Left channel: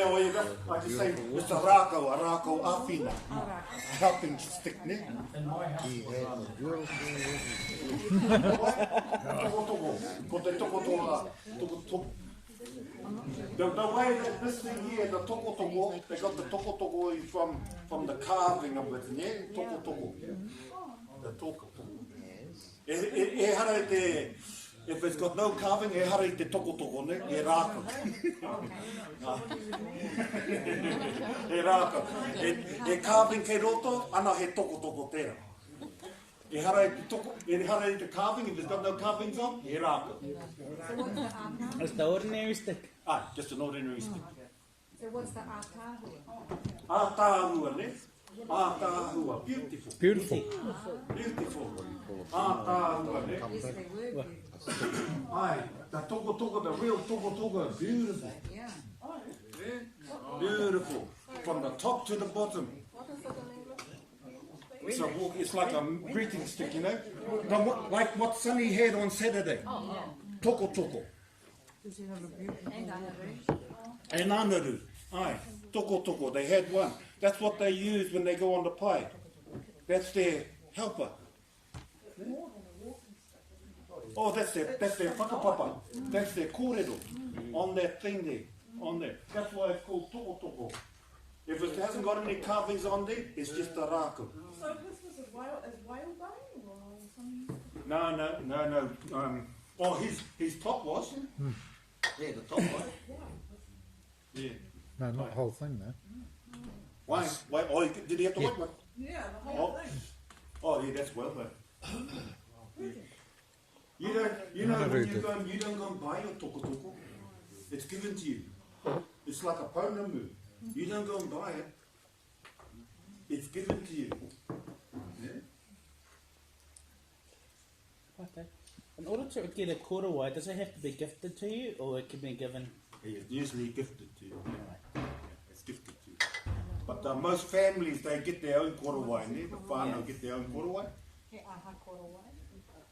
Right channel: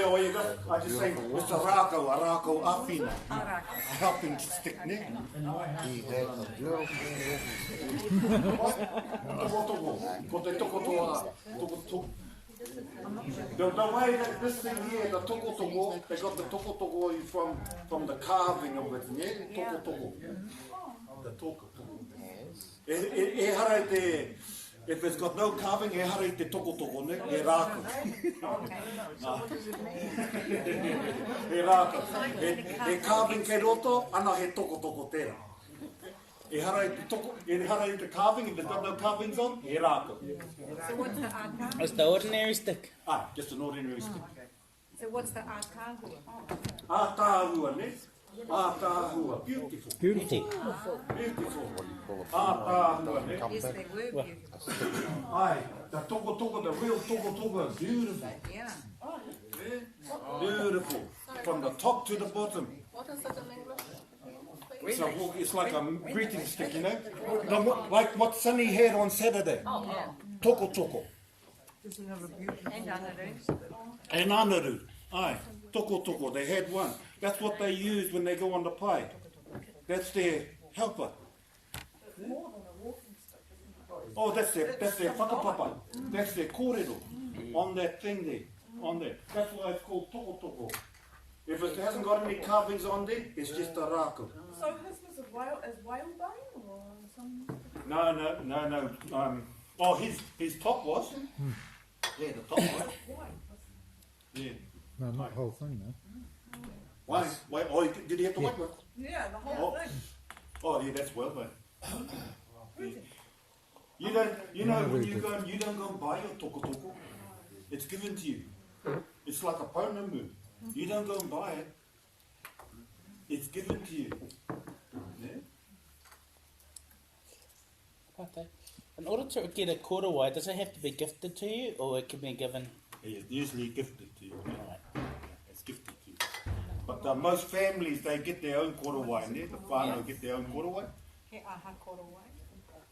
I just say, it's a rākau awhina. A helping stick, ne? Toko. Ko te toko toa. The way that this thing here, the toko, they got the toko from the carving of it, ne? Toko. The toko. E hara te, if it's got no carving, e hara te toko, ne? E rākau. E rākau. E carving kei roto, ana he toko tērā. E hara te carving, if it's got no carvings on, e rākau. So what's the ātahu? It's the ordinary stick. Just an ordinary stick. So what's the ātahu? Ātāhua, ne? Ātāhua. Beautiful. Ātāhua, ne? Yes, they were beautiful. The toko, the real toko is beautiful. Yeah. Beautiful. From the top to the bottom. It's like a greeting stick, you know? Like what Sunny had on Saturday. Toko. And anaru. Toko. They had one. That's what they use when they go on the pie. That's their helper. Oh, that's their whakapapa. That's their kōrero. On that thing there. On there. That's why it's called toko. If it hasn't got any carvings on there, it's just a rākau. So his was a whalebone or something? No. His top was. Yeah, the top was. Yeah. No, not the whole thing, though. Why? Oh, did he have the white one? Yeah, the whole thing. Oh, yeah, that's well done. You don't, when you don't go and buy your toko. It's given to you. It's like a pounamu. You don't go and buy it. It's given to you. Yeah? Okay. In order to get a korowai, does it have to be gifted to you, or it can be given? It's usually gifted to you. It's gifted to you. But most families, they get their own korowai. The whānau get their own korowai. He aha korowai.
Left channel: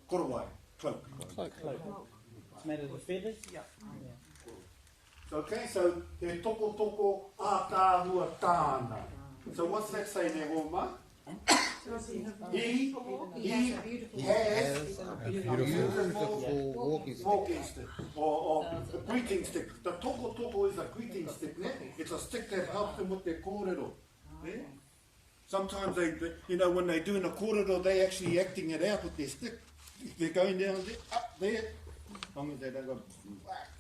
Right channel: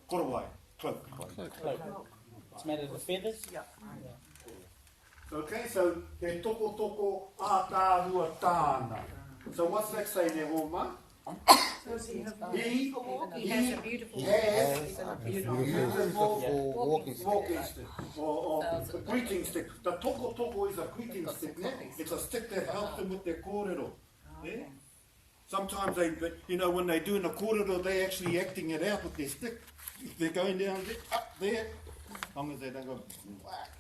Korowai, cloak. It's made of the feathers? Yeah. Okay, so te toko ātāhua tāna. So what's that say there, Homa? He has a beautiful walking stick. Or a greeting stick. The toko is a greeting stick, ne? It's a stick that helps them with their kōrero. Yeah? Sometimes they, when they're doing a kōrero, they're actually acting it out with their stick. They're going down there, up there, as long as they don't go whack.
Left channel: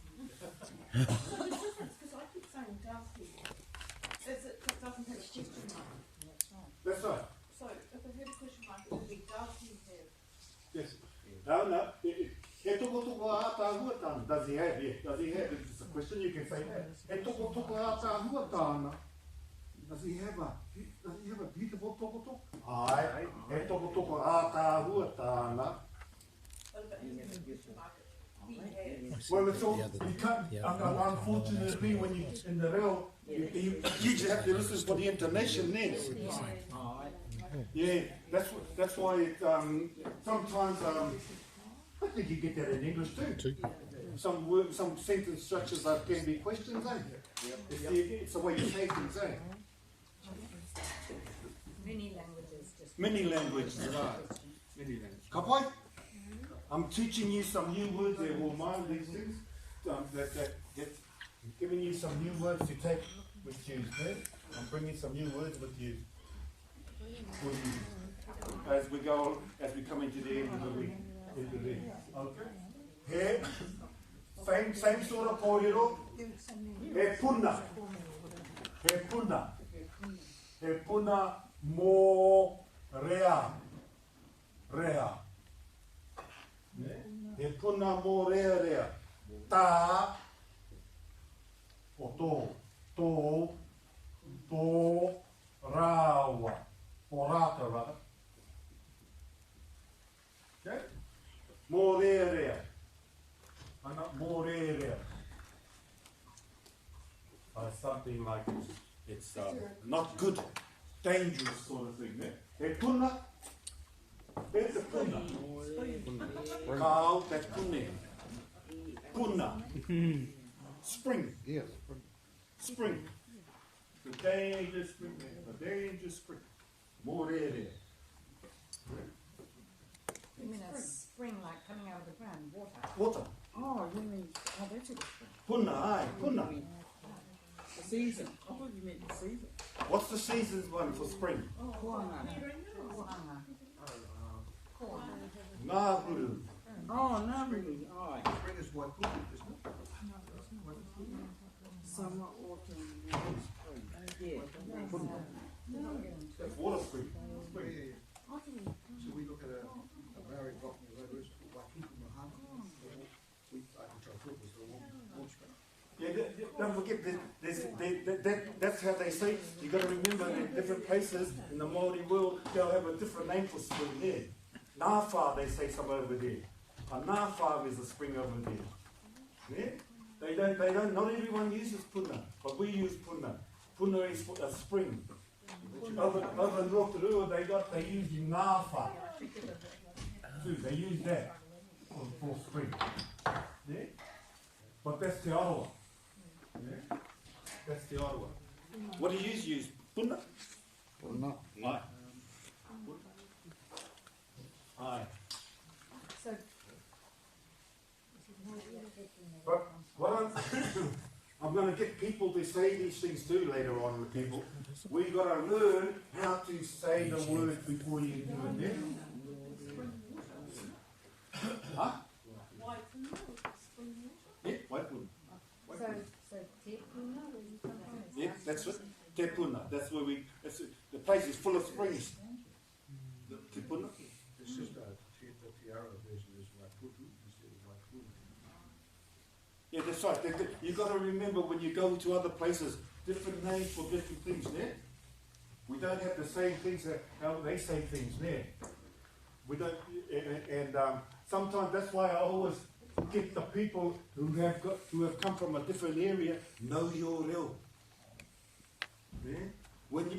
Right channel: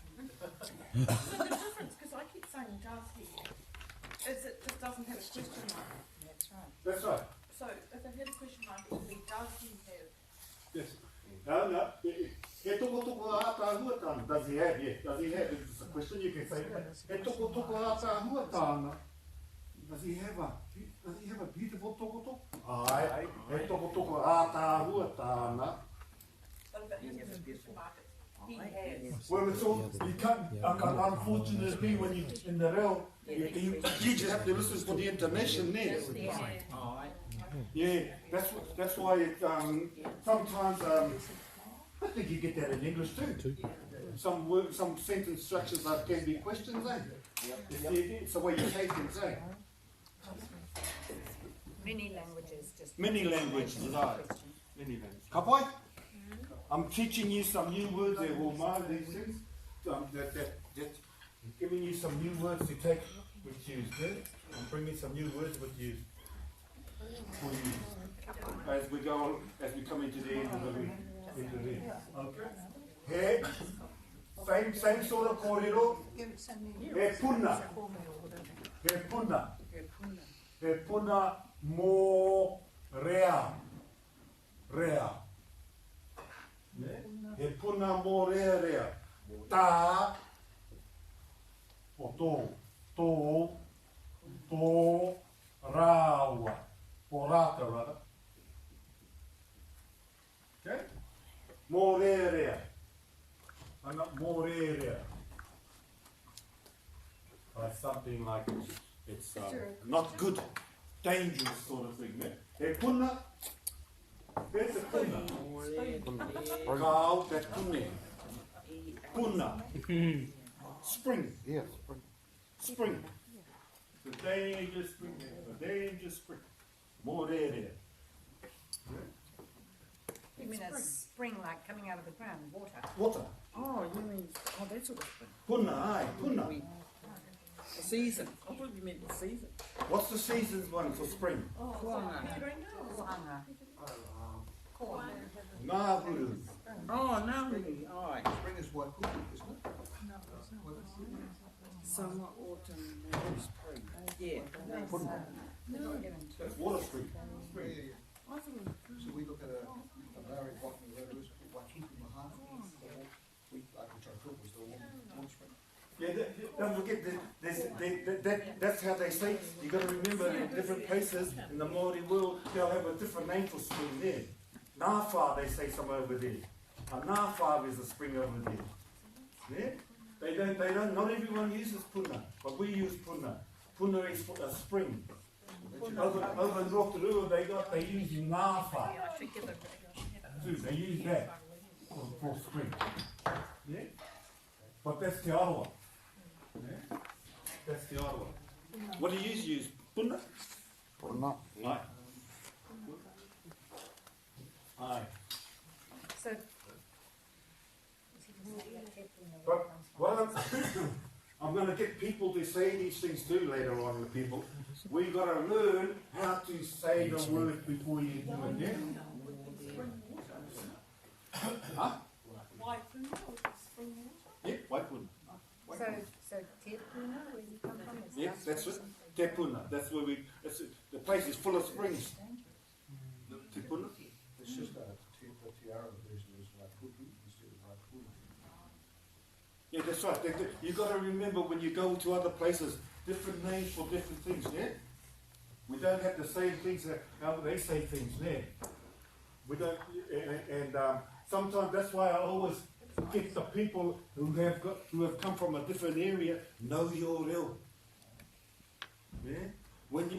So the difference, because I keep saying does he, is it just doesn't have a question mark. That's right. So if it had a question mark, it would be does he have? Yes. No. He toko ātāhua tāna. Does he have? Yeah. Does he have? It's a question you can say that. He toko ātāhua tāna. Does he have a beautiful toko? Aye. He toko ātāhua tāna. But if it has a question mark, he has. Well, it's all, you can't, unfortunately, when you in the reo, you just have to listen for the intonation there. Yeah, that's why it, sometimes, I think you get that in English too. Some sentence structures can be questions, eh? It's the way you say things, eh? Many languages, right. Many languages. Kapai? I'm teaching you some new words there, Homa, these things. Giving you some new words to take with you. Okay? I'm bringing some new words with you. For you. As we come into the end of the week. Okay? Same sort of kōrero. He puna mō rea. He puna mō rea. Tā o tō rāua. O rāta rata. Okay? Mō rea. Ana mō rea. Something like it's not good, dangerous sort of thing. Eh? E puna, there's a puna. Kao te pune. Puna. Spring. Yeah. Spring. The dangerous spring. The dangerous spring. More there. You mean a spring like coming out of the ground, water? Water. Oh, you mean, oh, that's what Puna, aye, puna. the season. I thought you meant the season. What's the season's one for spring? Kuanga. Ngā huru. Oh, no, really. Oh, Spring is white pudding, isn't it? summer, autumn, spring. Yeah. That's water spring. Spring. I think So we look at a Maori botany road, Waikiki Mahana, which I thought was the warm spring. Yeah, don't forget that's how they say. You got to remember in different places in the Māori world they'll have a different name for spring there. Ngāwha they say some over there. A ngāwha is a spring over there. Yeah? They don't. Not everyone uses puna, but we use puna. Puna is for a spring. Over in Rotorua they use ngāwha too. They use that for spring. Yeah, but that's Te Aroa. Yeah? That's Te Aroa. What do you use? Puna? Puna. Aye. Aye. So, But what I'm going to get people to say these things too later on, the people. We got to learn how to say the word before you do it. Yeah? Huh? White puna, which is spring water. Yeah, white puna. so te puna, where you come from? is Yeah, that- that's it. Te puna. That's where we. The place is full of springs. Te puna. It's just the tiara version is Waikuki instead of Waikuna. Yeah, that's right. You got to remember when you go to other places, different names for different things. There, we don't have the same things how they say things there. We don't, and sometimes that's why I always get the people who have come from a different area know your reo. Yeah?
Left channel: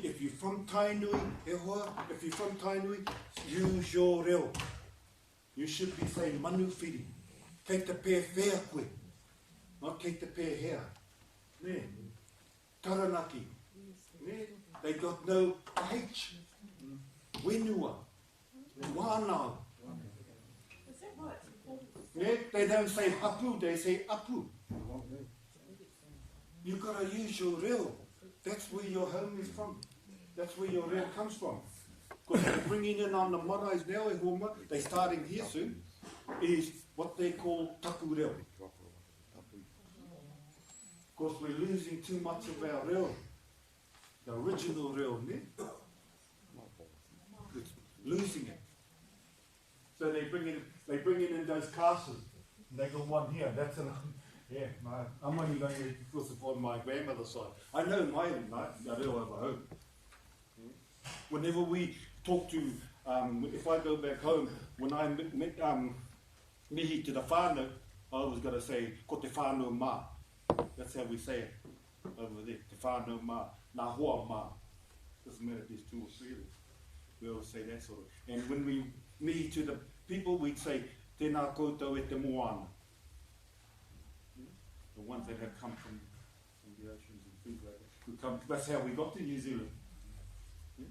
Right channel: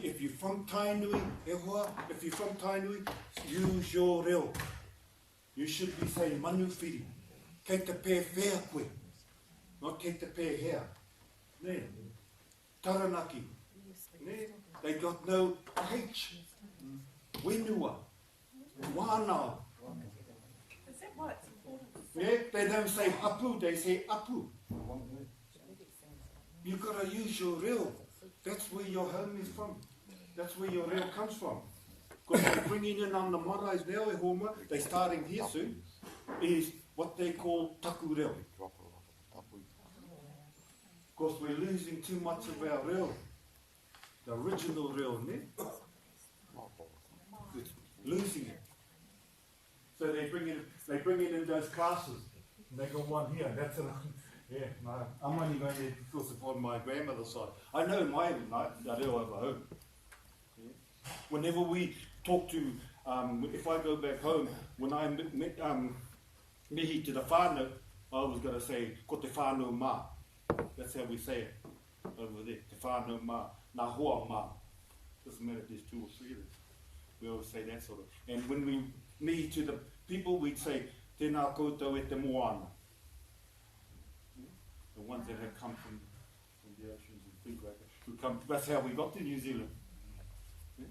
If you're from Tainui, if you're from Tainui, use your reo. You should be saying manu whiri, kei te pē whea koe, not kei te pē hea. Ne? Taranaki. Ne? They got no H. Wenua. Wānau. Is that why it's important? Yeah? They don't say hapu, they say apu. You got to use your reo. That's where your home is from. That's where your reo comes from. Because they're bringing in on the marais now, homa, they're starting here soon, is what they call taku reo. Because we're losing too much of our reo. The original reo, ne? It's losing it. So they bring it in those classes. And they got one here. That's an yeah. No, I'm only going to because of on my grandmother's side. I know my reo over home. Yeah. Whenever we talk to, if I go back home, when I mihi to the whānau, I always got to say ko te whānau mā. That's how we say it over there. Te whānau mā, nā hoa mā. Doesn't matter if there's two or three of them. We always say that sort of. And when we meet to the people, we'd say, tēnā koutou e te moana. The ones that have come from the oceans and things like that. Who come, that's how we got to New Zealand. Yeah?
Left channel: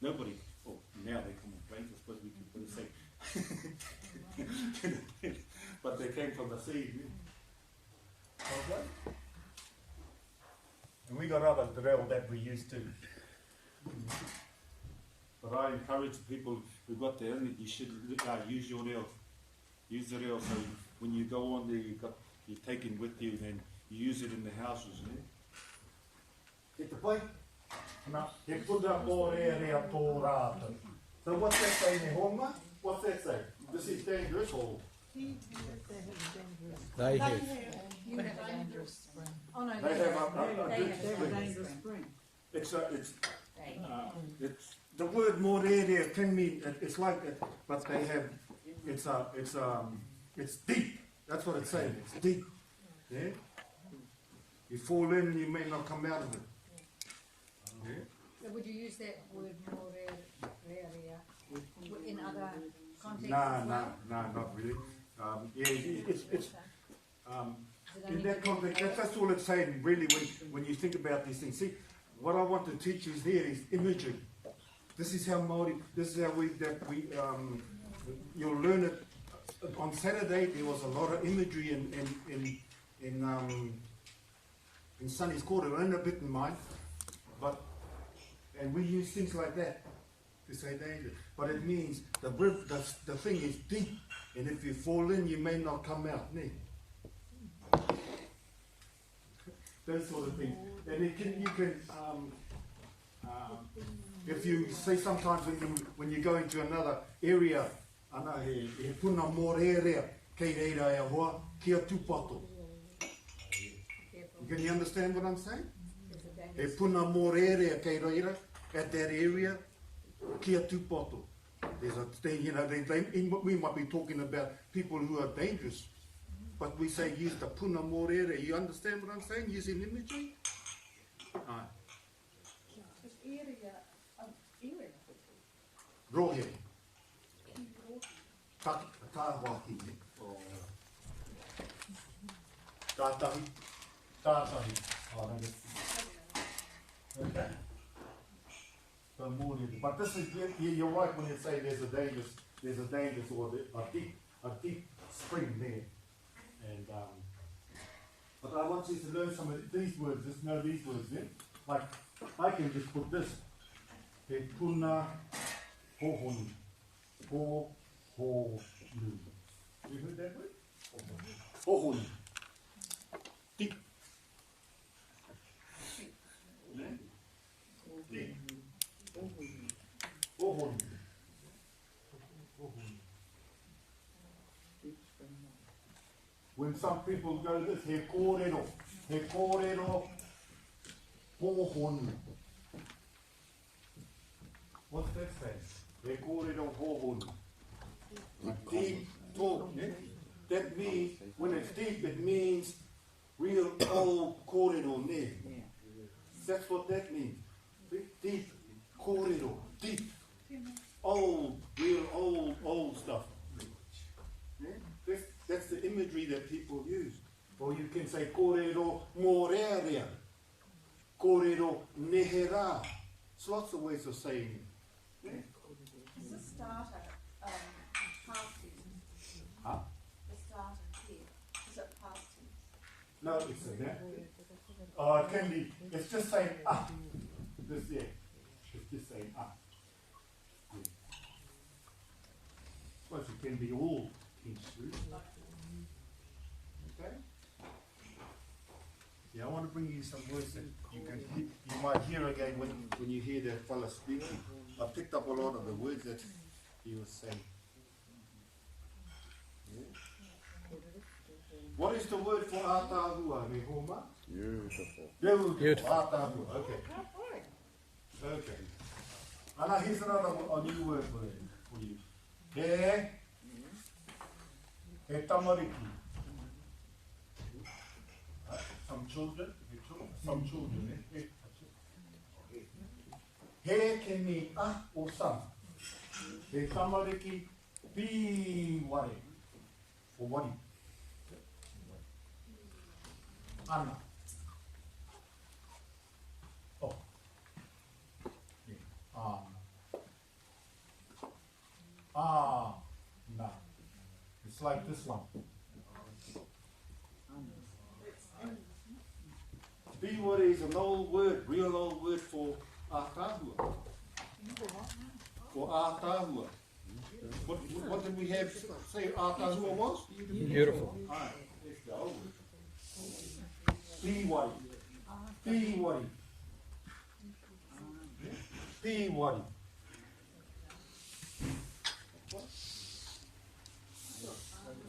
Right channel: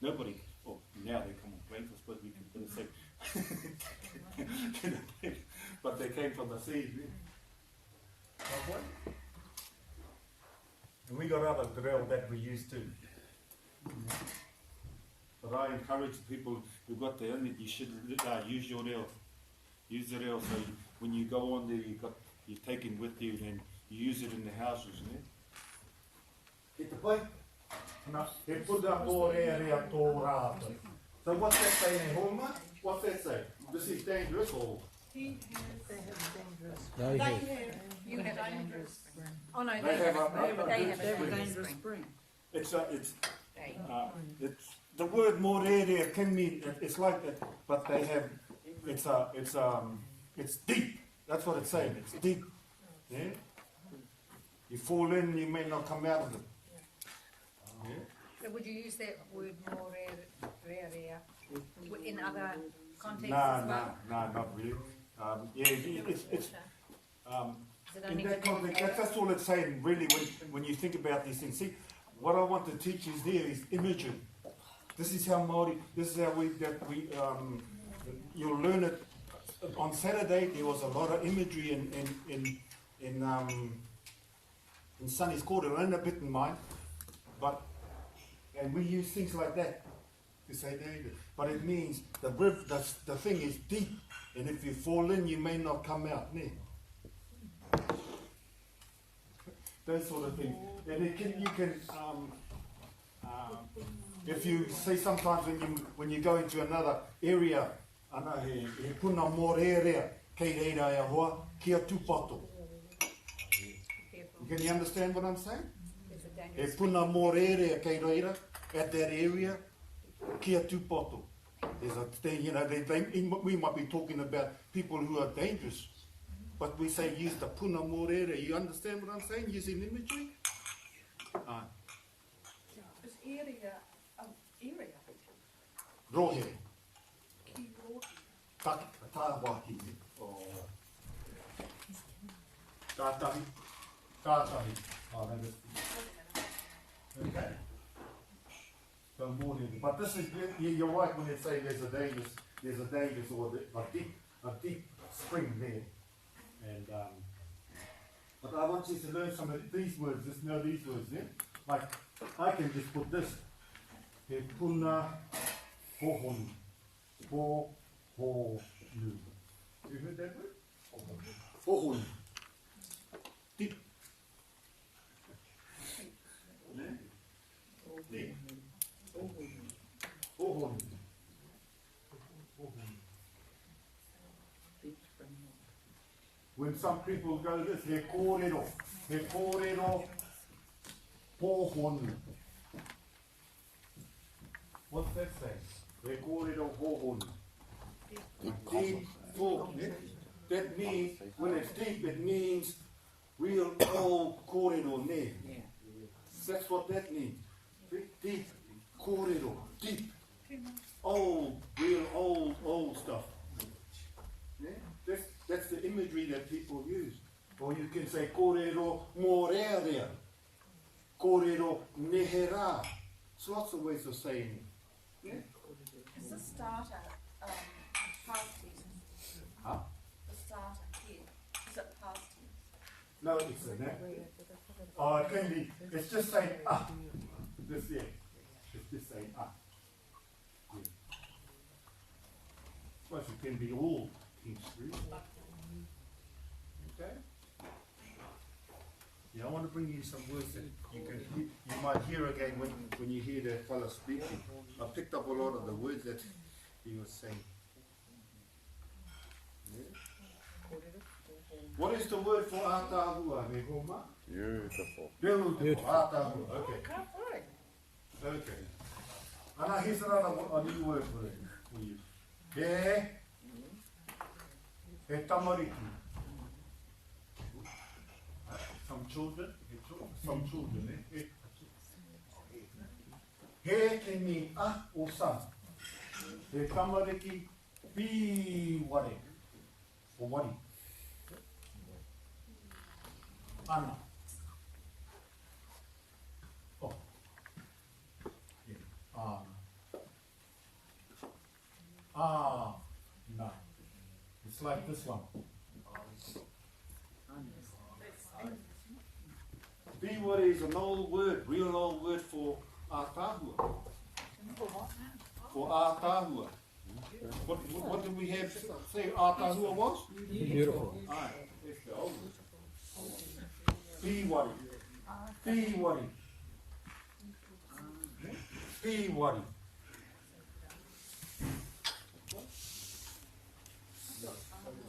Nobody, oh, now they come on planes, I suppose we could say. But they came from the sea. Yeah? Okay? And we got other reo that we used to. But I encourage people who got there, you should use your reo. Use the reo so when you go on there, you take it with you and you use it in the houses. He te pai? He puna mō rea rea tō rātou. So what's that say in Homa? What's that say? This is dangerous or? They They have. have You have a dangerous. Oh no, They have a they good have a spring. dangerous spring. It's They- the word mō rea rea can mean it's like it, but they have it's deep. That's what it's saying. It's deep. Yeah? You fall in and you may not come out of it. Yeah? So would you use that word more rare in other contexts No, as no, well? no, not really. Yeah, it's Is it in only that within context. the- That's all it's saying, really. When you think about these things, see, what I want to teach you here is imagery. This is how Māori, this is how you'll learn it. On Saturday, there was a lot of imagery in Sonny's quarter, and a bit in mine, and we use things like that to say danger. But it means the thing is deep, and if you fall in, you may not come out. Ne? Those sort of things. And you can if you see sometimes when you go into another area, ana he puna morerea kei reira e hoa kia tūpato. Can you understand what I'm saying? He puna morerea kei reira at that area kia tūpato. There's a thing, you know, we might be talking about people who are dangerous, but we say use the puna morerea. You understand what I'm saying? Using imagery. Is area area? Rohe. Ki rohe. Tāwaki. Tātahi. Tātahi. Oh, that is. Okay. So more than, but this is, you're right when you say there's a dangerous or a deep spring there. And but I want you to learn some of these words. Just know these words there. Like I can just put this. He puna hohonu. Hohonu. You heard that word? Hohonu. Deep. Deep. Hohonu. When some people go this, he kōrero, hohonu. What's that say? He kōrero hohonu. Deep talk. That means, when it's deep, it means real old kōrero ne. That's what that means. Deep kōrero, deep. Old, real old stuff. That's the imagery that people use. Or you can say kōrero morerea, kōrero nehera. There's lots of ways of saying it. Yeah? Is the starter past tense? Huh? The starter here, is it past tense? No, it's a that. Oh, it can be. It's just saying ah. This there. It's just saying ah. Yeah. Suppose it can be all tense through. Okay. Yeah, I want to bring you some words that you might hear again when you hear that fella speaking. I picked up a lot of the words that he was saying. Yeah. What is the word for ātāhua, me homa? Beautiful. Beautiful. Ātāhua. Okay. Okay. And now here's another a new word for you. He tamariki. Some children. He can mean or some. He tamariki be ware. Or wari. Ana. Oh. Yeah. Na. It's like this one. Biware is an old word, real old word for ātāhua. For ātāhua. What did we have say ātāhua was? Beautiful. Alright, let's go. Biware. Biware. Biware.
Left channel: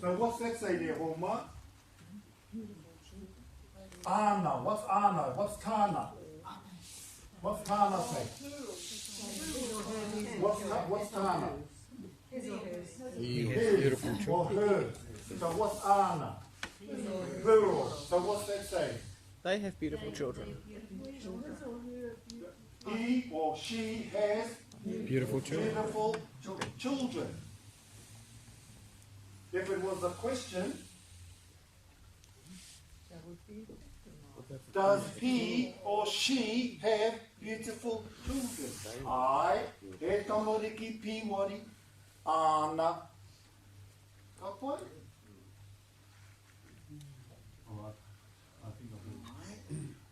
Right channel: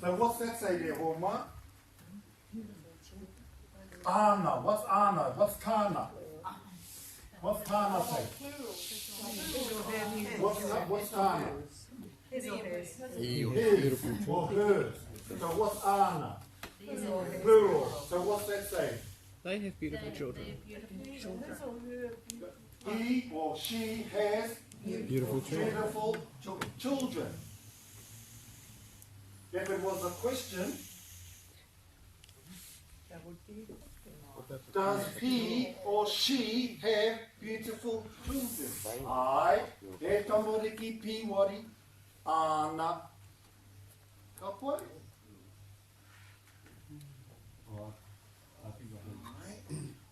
So what's that say there, Homa? Ana. What's ana? What's tāna? What's tāna say? What's tāna? His or hers. So what's ana? Plural. So what's that say? They have beautiful children. He or she has Beautiful children. beautiful children. If it was a question, Does he or she have beautiful children? Ai, he tamariki piwari, ana. Ka pai? I think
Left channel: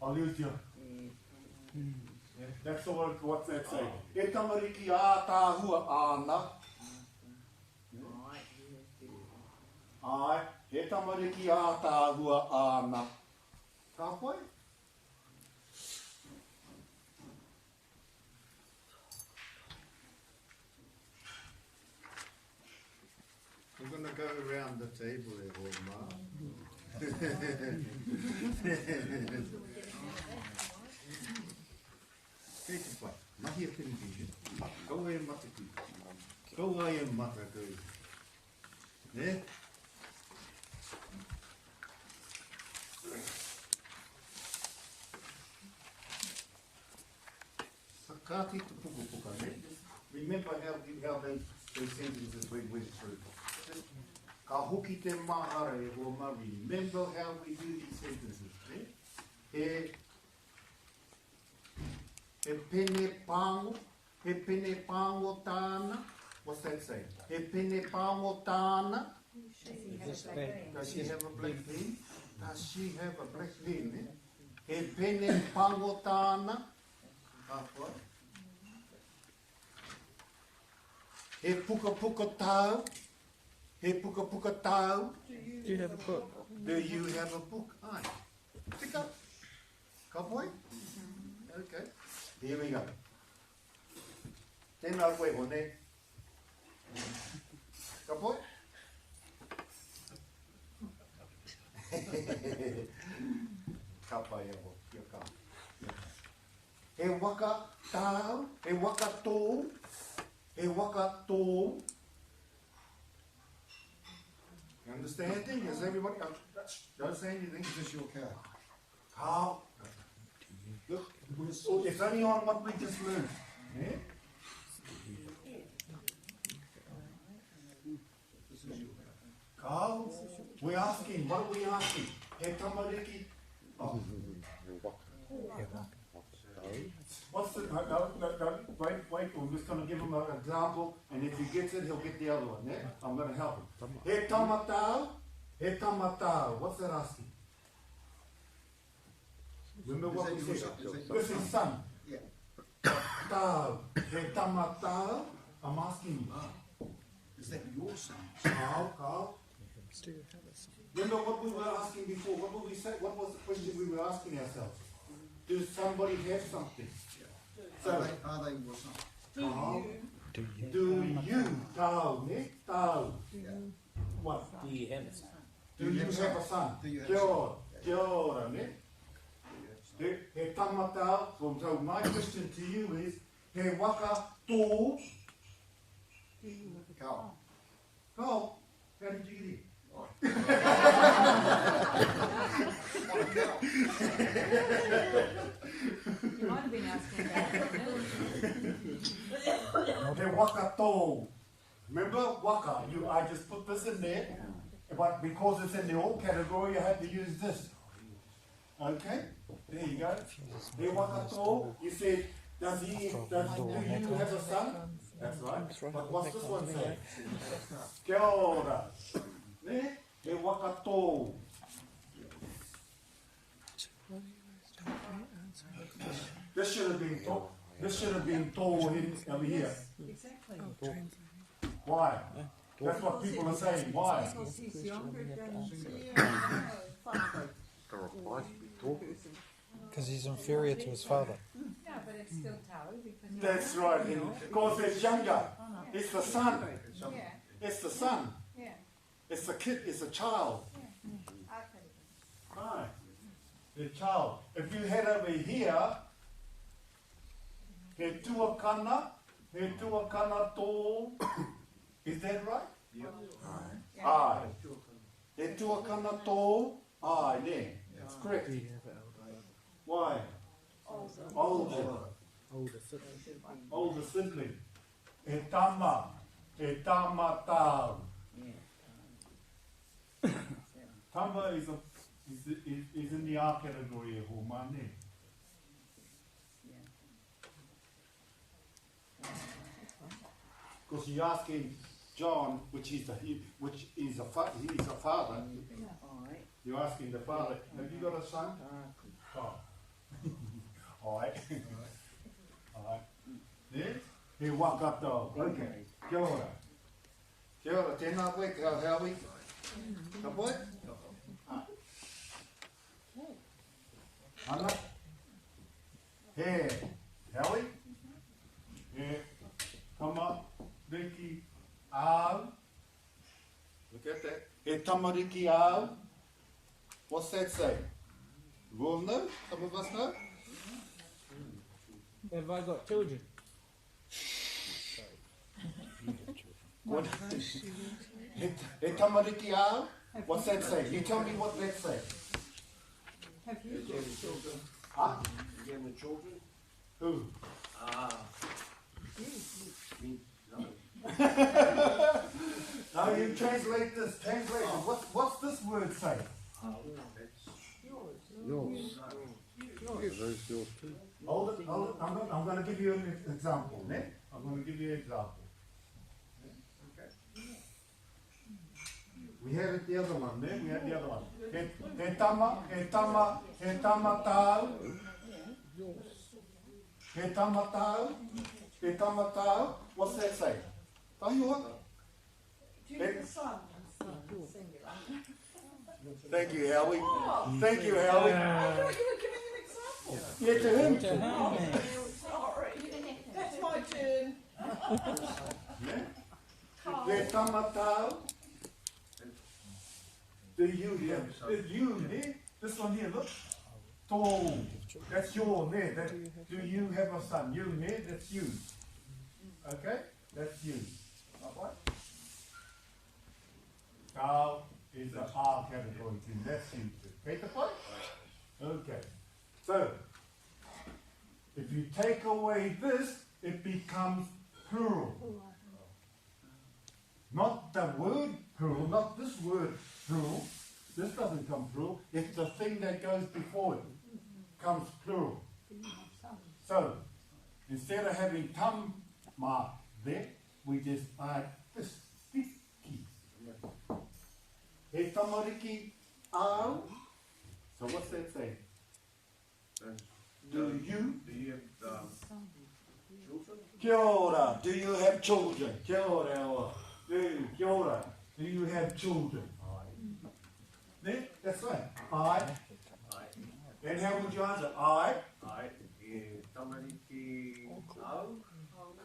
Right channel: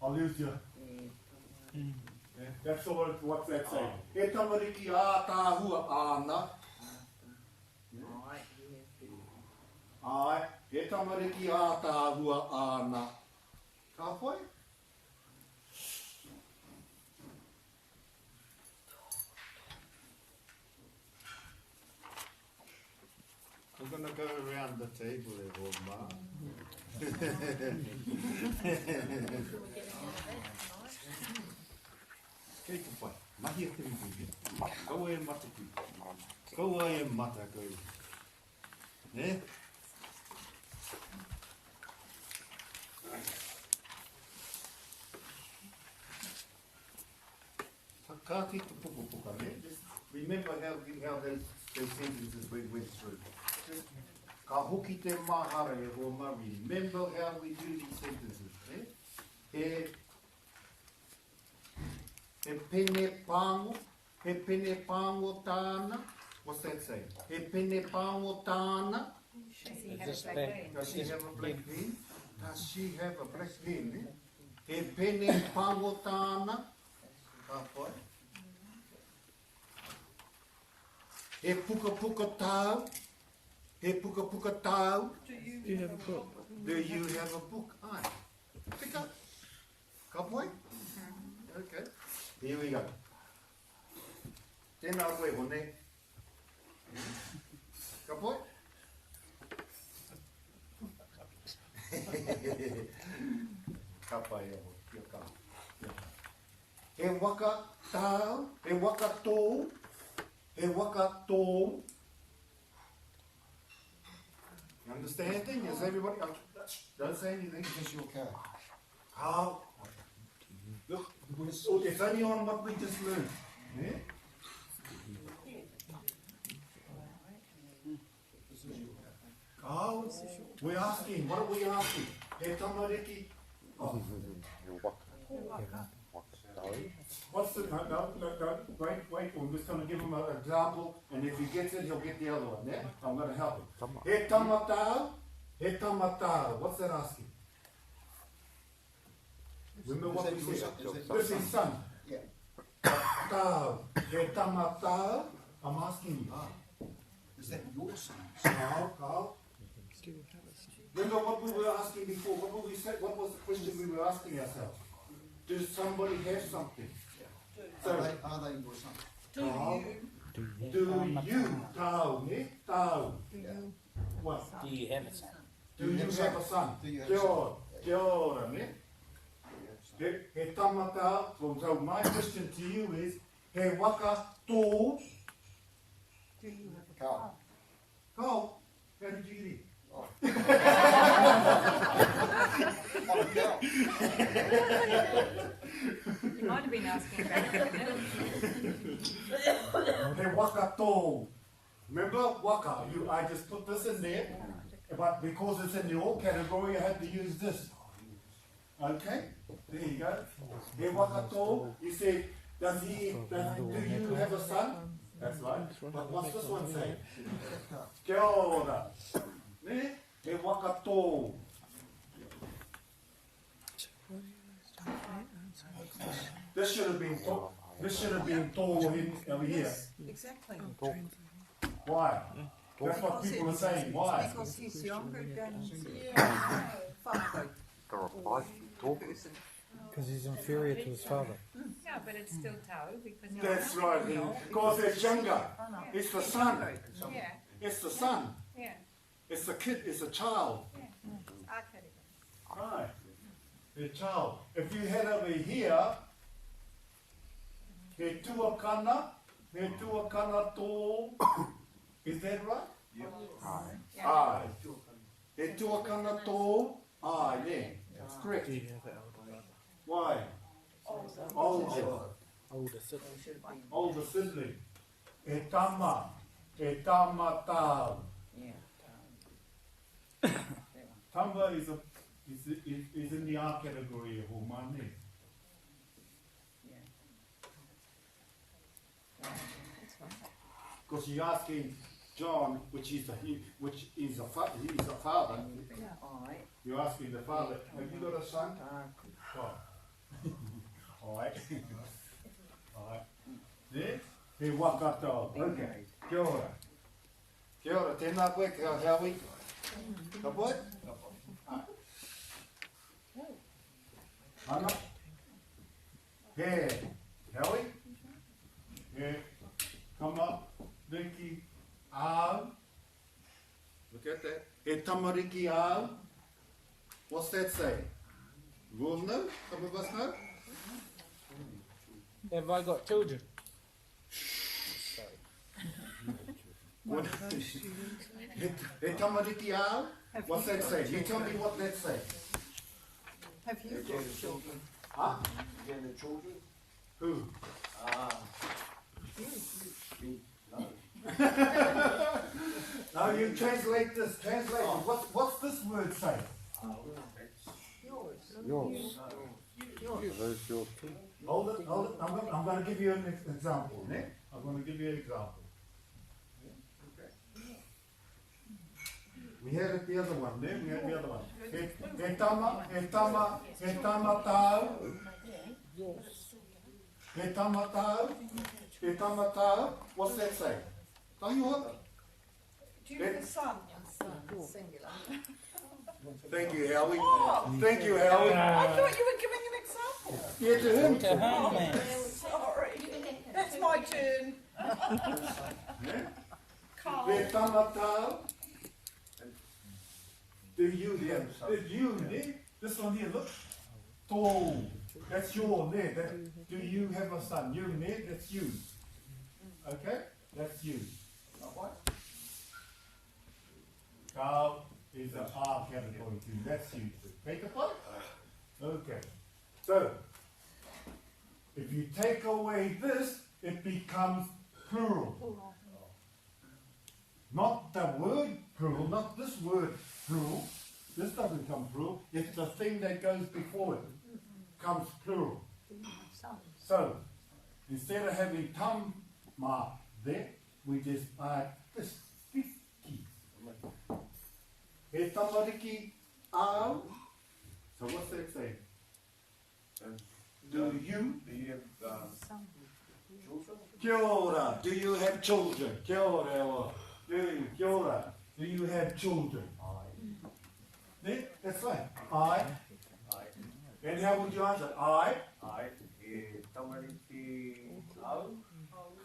I'll lose you. Yeah, that's all what's that saying. He tamariki a tāhua ana. Ai, he tamariki a tāhua ana. Ka pai? We're going to go around the table there, Ma. Kei te pai, mahi a te muhi. Kau e mata kui. Kau ai e mata kui. Ne? Sakaki te puka, ne? Just remember how those sentences we went through. Just ka hoki te mahara e ho mari. Remember how we do these sentences, ne? He pene pango tāna. What's that saying? He pene pango tāna. Does she have a black pen? Does she have a black pen? Eh? He pene pango tāna. Ka pai? He puka tau. He puka tau. Do you have a book? Do you have a book? Ai. Tika. Ka pai? Okay. Here we go. Tēnā koe hone. Ka pai? Ka pai e ho. Kia ka. He waka tau. He waka tō. He waka tō. You understanding? Is everybody? Don't say anything. Is this your car? How? Look, oh, it's only on what we just learned. Yeah? Carl, we're asking. What are we asking? He tamariki. Oh. What's the? No, wait. I'm just going to give him an example, and if he gets it, he'll get the other one. Yeah? I'm going to help him. He tamatau. He tamatau. What's that asking? Remember what we said? This is son. Yeah. Tau. He tamatau. I'm asking you. Is that your son? Carl. Remember what we were asking before? What were we say? What was the question we were asking ourselves? Does somebody have something? So, Are they your son? Carl, do you, Tau, ne? Tau. Yeah. What? Do you have a son? Do you have a son? Do you have a Kia son? ora, kia ora, ne? He tamatau. So my question to you is, he waka tō. Carl. Carl, how did you get here? Oh, Carl. You might have been asking about He waka tō. Remember, waka. I just put this in there, but because it's in the all category, I had to use this. Okay? There you go. He waka tō. You say, do you have a son? That's right. But what's this one say? Kia ora. Ne? He waka tō. This should have been tō. This should have been tō over here. Exactly. Why? That's what people are saying. Why? Because he's younger than Because he's inferior to his father. Yeah, but it's still Tau because That's right. And because it's younger. It's the son. Yeah, It's the son. yeah. It's the kid. It's a child. Akari. Right. The child. If you head over here, he tuakana tō. Is that right? Yeah. Aye. He tuakana tō. Aye, yeah. Correct. Do you have an Why? Older. older sibling? Older sibling. E tama tāu. Tama is a is in the R category e ho mane. Because you're asking John, which is a father. You're asking the father, have you got a son? Oh. All right. All right. Yeah? He wakato. Okay. Kia ora. Kia ora. Tēnā koe, Howie. Ka poe? Ana? He. Howie? He. Tama. Riki. Ao. Look at that. He tamariki ao. What's that say? We all know? Some of us know? Have I got children? What? He tamariki ao? What's that say? You tell me what that say. Have you got children? Huh? Again, the children? Who? Now you translate this. Translate it. What's this word say? Yours. Hold it. I'm going to give you an example. Ne? I'm going to give you an example. We had it the other one. Ne? We had the other one. He tama tau. He tama tau. What's that say? Tahiwa? Do you have a son? Thank you, Howie. Thank you, Howie. I thought you were giving an example. Yeah, to him. To whom, man? Sorry. That's my turn. Yeah? Carl. He tama tau. Do you here? Did you ne? This one here, look. Tall. That's your ne. Do you have a son? You ne? That's you. Okay? That's you. Carl is an R category too. That's you too. Take the point? Okay. So, if you take away this, it becomes plural. Not the word plural, not this word plural. This doesn't come plural. It's the thing that goes before it comes plural. So, instead of having tam ma there, we just add this. He tamariki ao. So what's that saying? Do you? Kia ora. Do you have children? Kia ora. Kia ora. Do you have children? There? That's right. I. And how would you answer? I.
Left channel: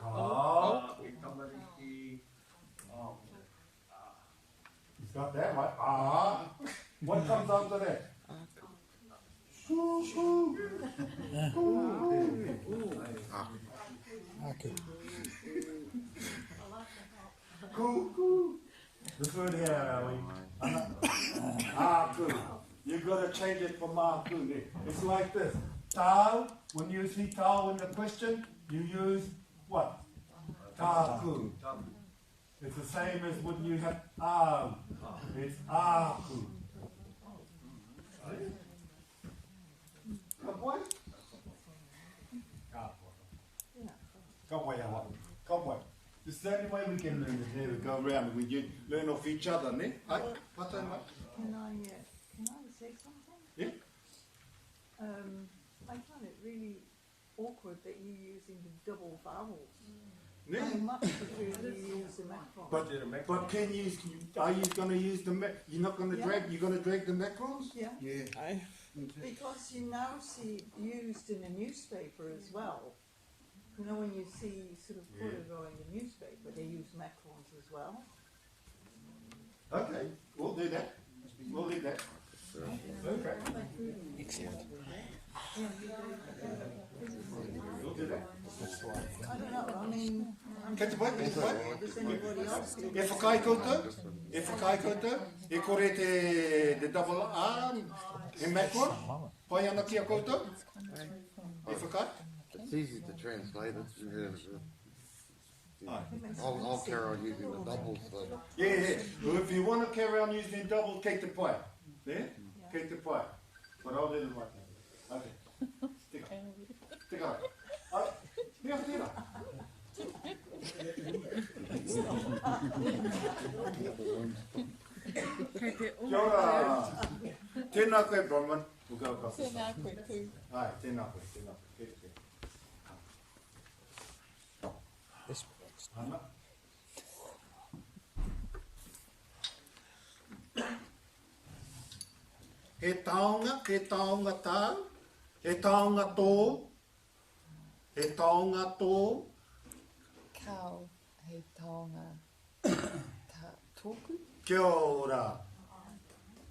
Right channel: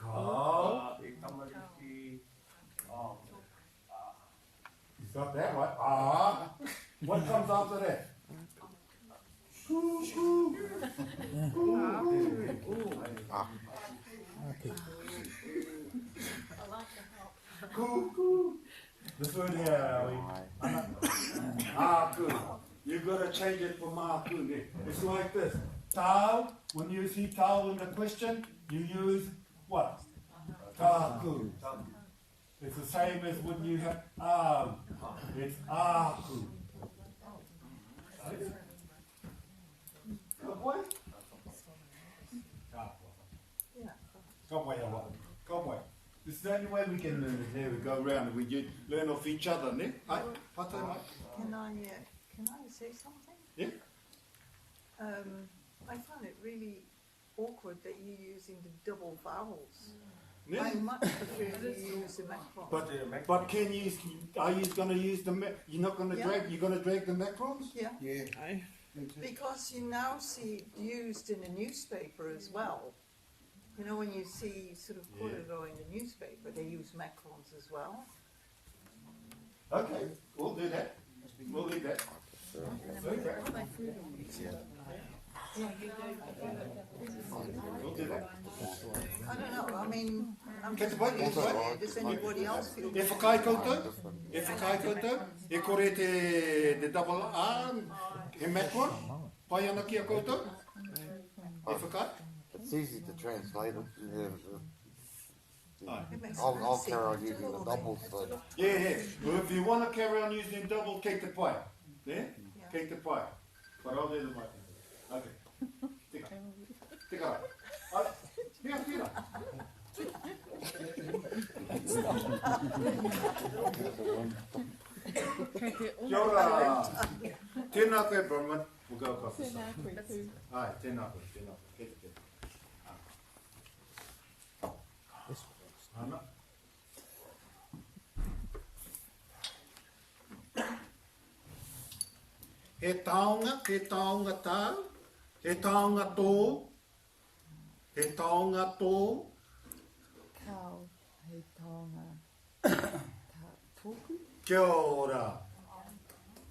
Carl. He's got that right. Ah. What comes after that? Coo, coo. Coo, Okay. coo, coo. The third here, Howie. Ah, good. You've got to change it for ma, good. It's like this. Tau, when you see tau in the question, you use what? Taku. It's the same as when you have au. It's aku. Come on. Come on. Come on. This is the only way we can learn it. There we go around and we learn off each other, ne? Hey, what's that, mate? Can I say something? Yeah. I found it really awkward that you're using the double vowels. Yeah. I much prefer you use the macron. But can you? Are you going to use the? You're not going to drag. You're going to drag the macrons? Yeah, Yeah. because you now see it used in a newspaper as well. You know, when you see sort of Kororo in the newspaper, they use macrons as well. Okay, we'll do that. We'll do that. Okay. We'll do that. I don't know, I mean, I'm Kei te pai, kei te pai. does anybody else feel? E whakai koutou? E whakai koutou? E kore te double R, e macron? Pai ana ki a koutou? E whakai? It's easy to translate it. Aye. It makes I'll sense. carry on using the doubles, but Yeah. Well, if you want to carry on using double, kei te pai. There? kei te pai. Parau re le mai. Okay. Tika. Tika rā. Ale, hea tira. Kia ora. Tēnā koe, Bronwyn. We'll go across the side. Ai, tēnā koe, tēnā koe. Kei te te. Ana. He taonga tau, he taonga tō, he taonga tō, Kau, hei taonga, tōku. kia ora.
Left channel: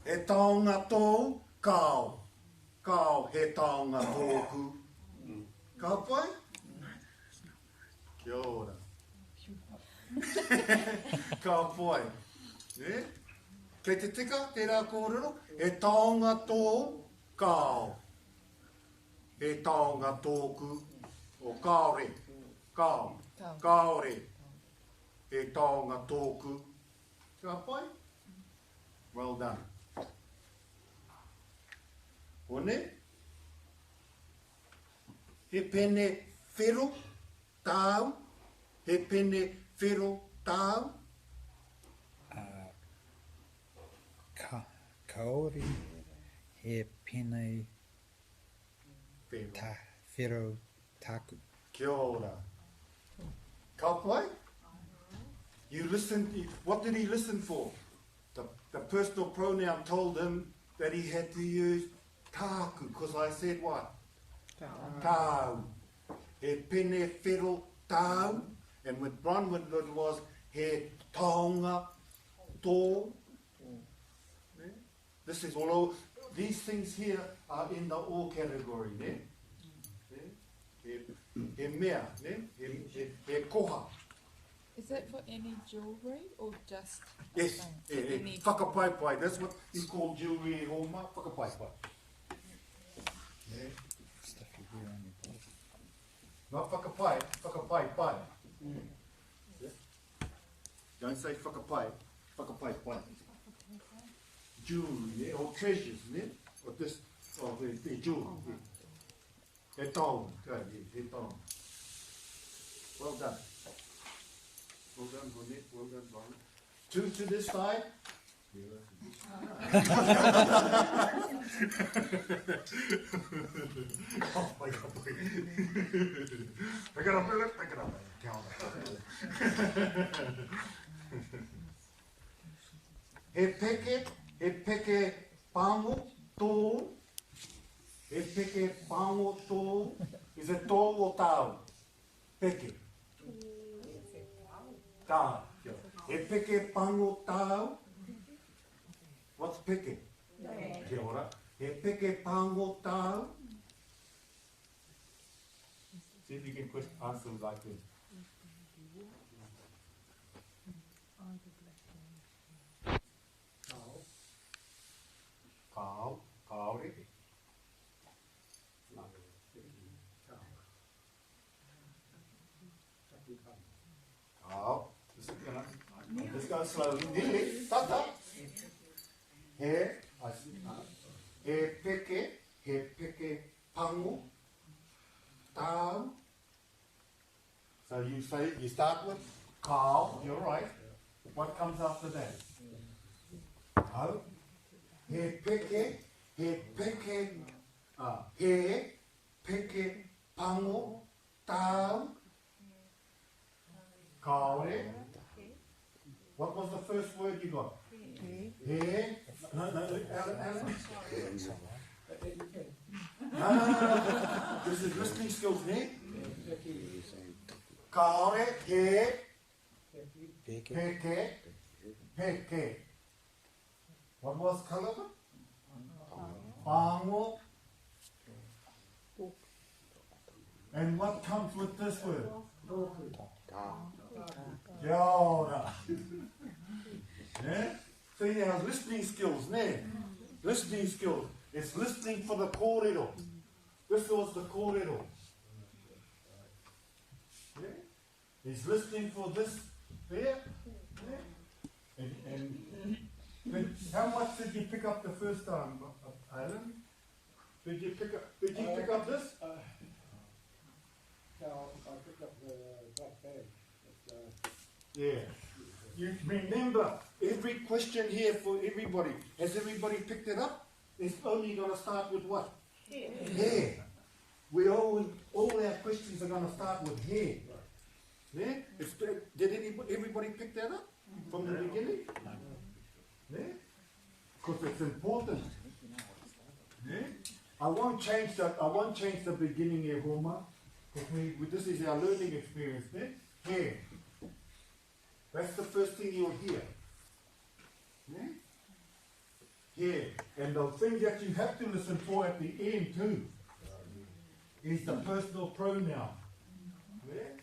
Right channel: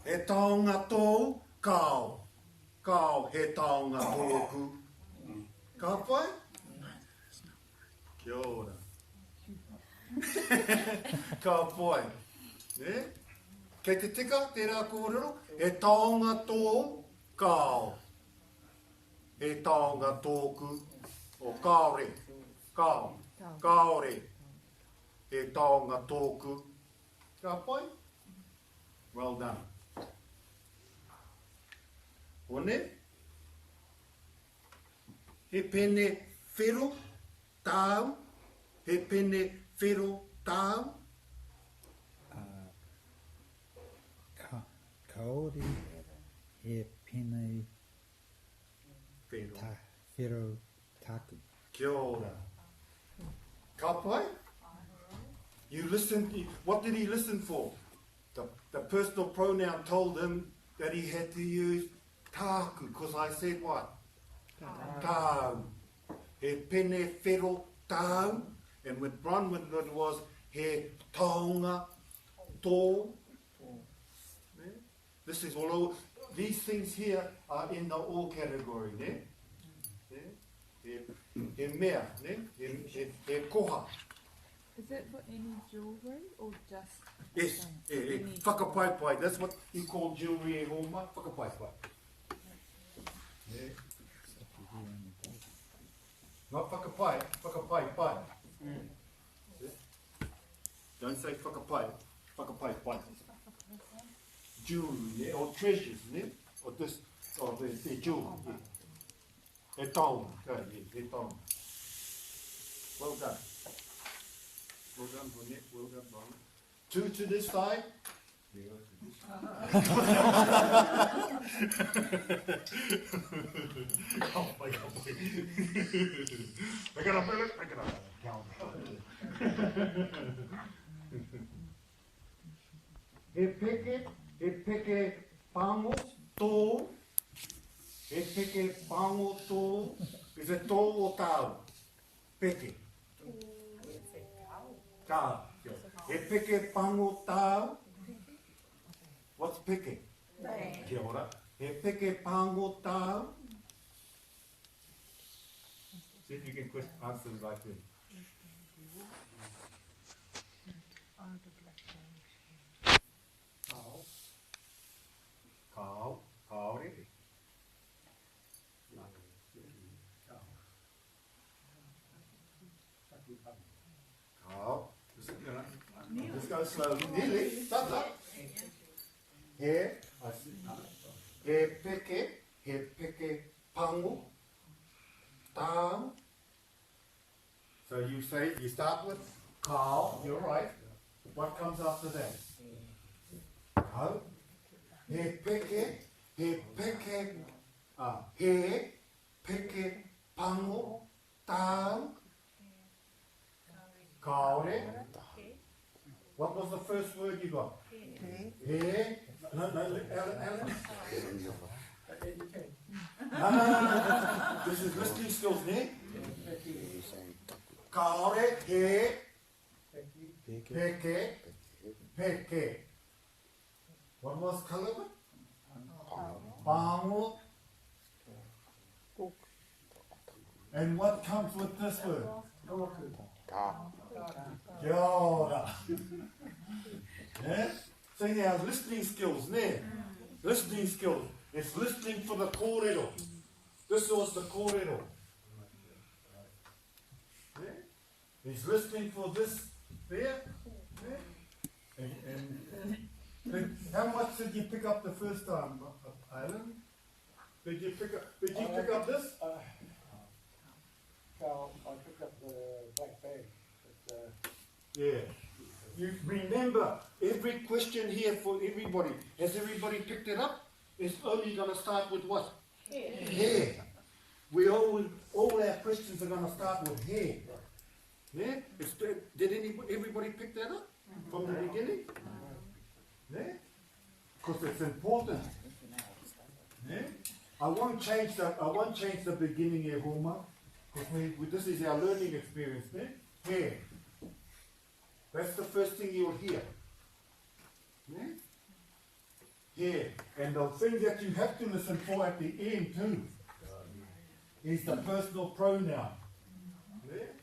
He taonga tō, kau, kau he taonga tōku. Ka pai? Kia ora. Ka pai. Eh? Kei te tika, tērā kōrero, he taonga tō, kāo. He taonga tōku, o kāore, kāo, kāore. He taonga tōku. Ka pai? Well done. One, he pene whero, tāu, he pene whero, tāu, Kaori he penei whero. whero taku. Kia ora. Ka pai? You listened, what did he listen for? The personal pronoun told him that he had to use tāku, because I said what? Tāu. He pene whero tāu, and with Bronwyn it was he taonga tō. This is all over. These things here are in the all category, ne? He mea, ne? He koha. Is that for any jewellery or just? Yes, whakapai pai. That's what you call jewellery e homa. Whakapai pai. Yeah. Not whakapai, whakapai pai. Yeah. Don't say whakapai, whakapai pai. Jewelry, yeah, or treasures, yeah? Or this, or the jewel, yeah. He taonga, okay, yeah, he taonga. Well done. Well done, Bonnet, well done, Bonnet. Two to this side. Oh my God, boy. Pick it up, Philip, pick it up. Count it. He peke pango tō. He peke pango tō. Is it tō o tāu? Peke. Tāu. He peke pango tāu. What's peke? Kia ora. He peke pango tāu. See if you can answer like this. Kāo, kāore. Kāo. Let's go slowly. Nearly. Tata. He peke pango, tāu. So you say, you start with kāo, you're right. What comes after that? Kāo. He peke pango, tāu. Kāore. What was the first word you got? He. No, Alan. No. This is listening skills, ne? Kāore, he. Peke. What was kalama? Pango. And what comes with this word? Kia ora. Yeah? So you have listening skills, ne? Listening skills. It's listening for the kōrero. This was the kōrero. Yeah? He's listening for this there. Yeah? And how much did you pick up the first time? Alan, did you pick up this? So I picked up the black bag. Yeah. You remember, every question here for everybody, has everybody picked it up? It's only going to start with what? Hair. We all our questions are going to start with hair. Yeah? Did everybody pick that up from the beginning? Yeah? Because it's important. Yeah? I won't change the beginning here, Homa, because this is our learning experience. Yeah? Hair. That's the first thing you'll hear. Yeah? Here. And the thing that you have to listen for at the end too is the personal pronoun. Yeah?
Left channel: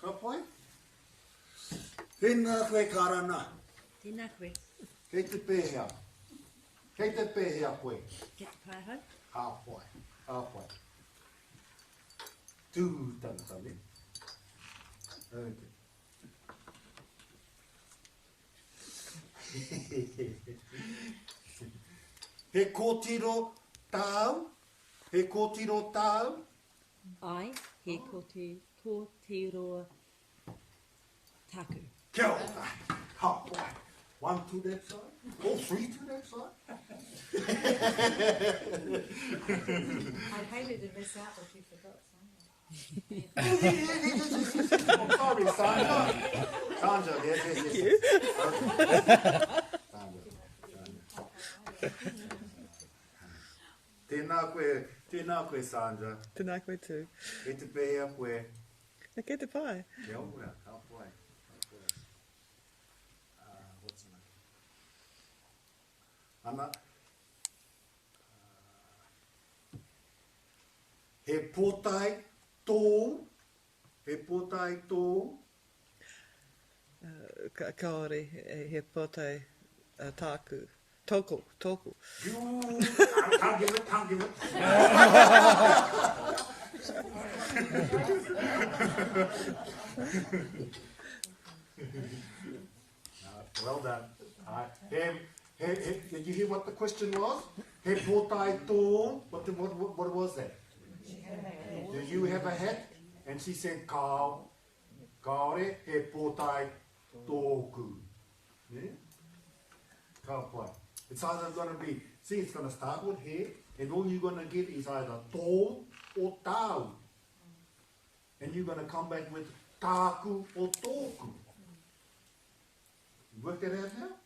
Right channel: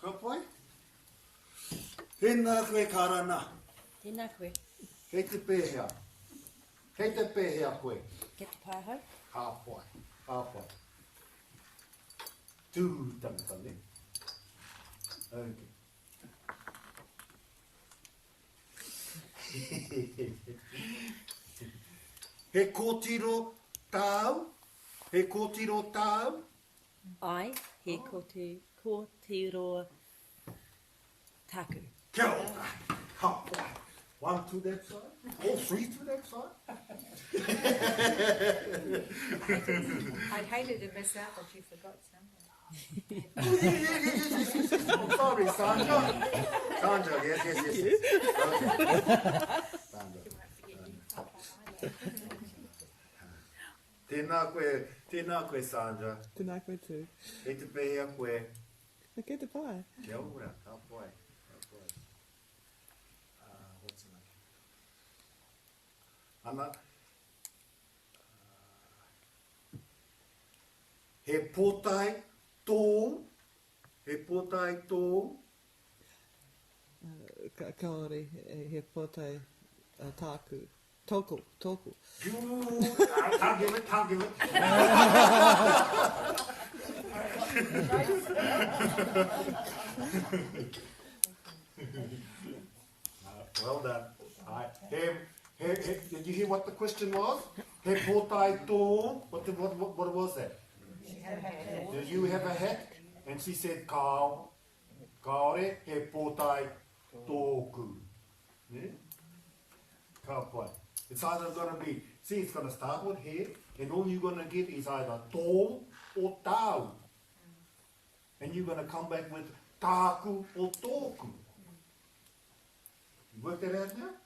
Ka pai? Tēnā koe karana. Tēnā koe. Kei te pēhea. Kei te pēhea koe. Ke te pāhau. Ka pai. Ka pai. Tū tangata ne. Okay. He kōtiro tāu, he kōtiro tāu. Ai, he kōtiro tāku. Kia ora, ka pai. 1 to that side, all 3 to that side. I'd hated to miss out, but you forgot something. I'm sorry, Sandra. Sandra, yes. Okay. Sandra. Tēnā koe, Sandra. Tēnā koe tū. E te pēhea koe. Ke te pai. Kia ora, ka pai. What's it like? Ana. He pōtai tō. He pōtai tō. Kaore, he pōtai tāku. Tōku. Can't give it. Well done. Did you hear what the question was? He pōtai tō. What was that? Do you have a hat? And she said, kaore, he pōtai tōku. Yeah? Ka pai. It's either going to be, see, it's going to start with he, and all you're going to get is either tō or tāu. And you're going to come back with tāku or tōku. You work that out now?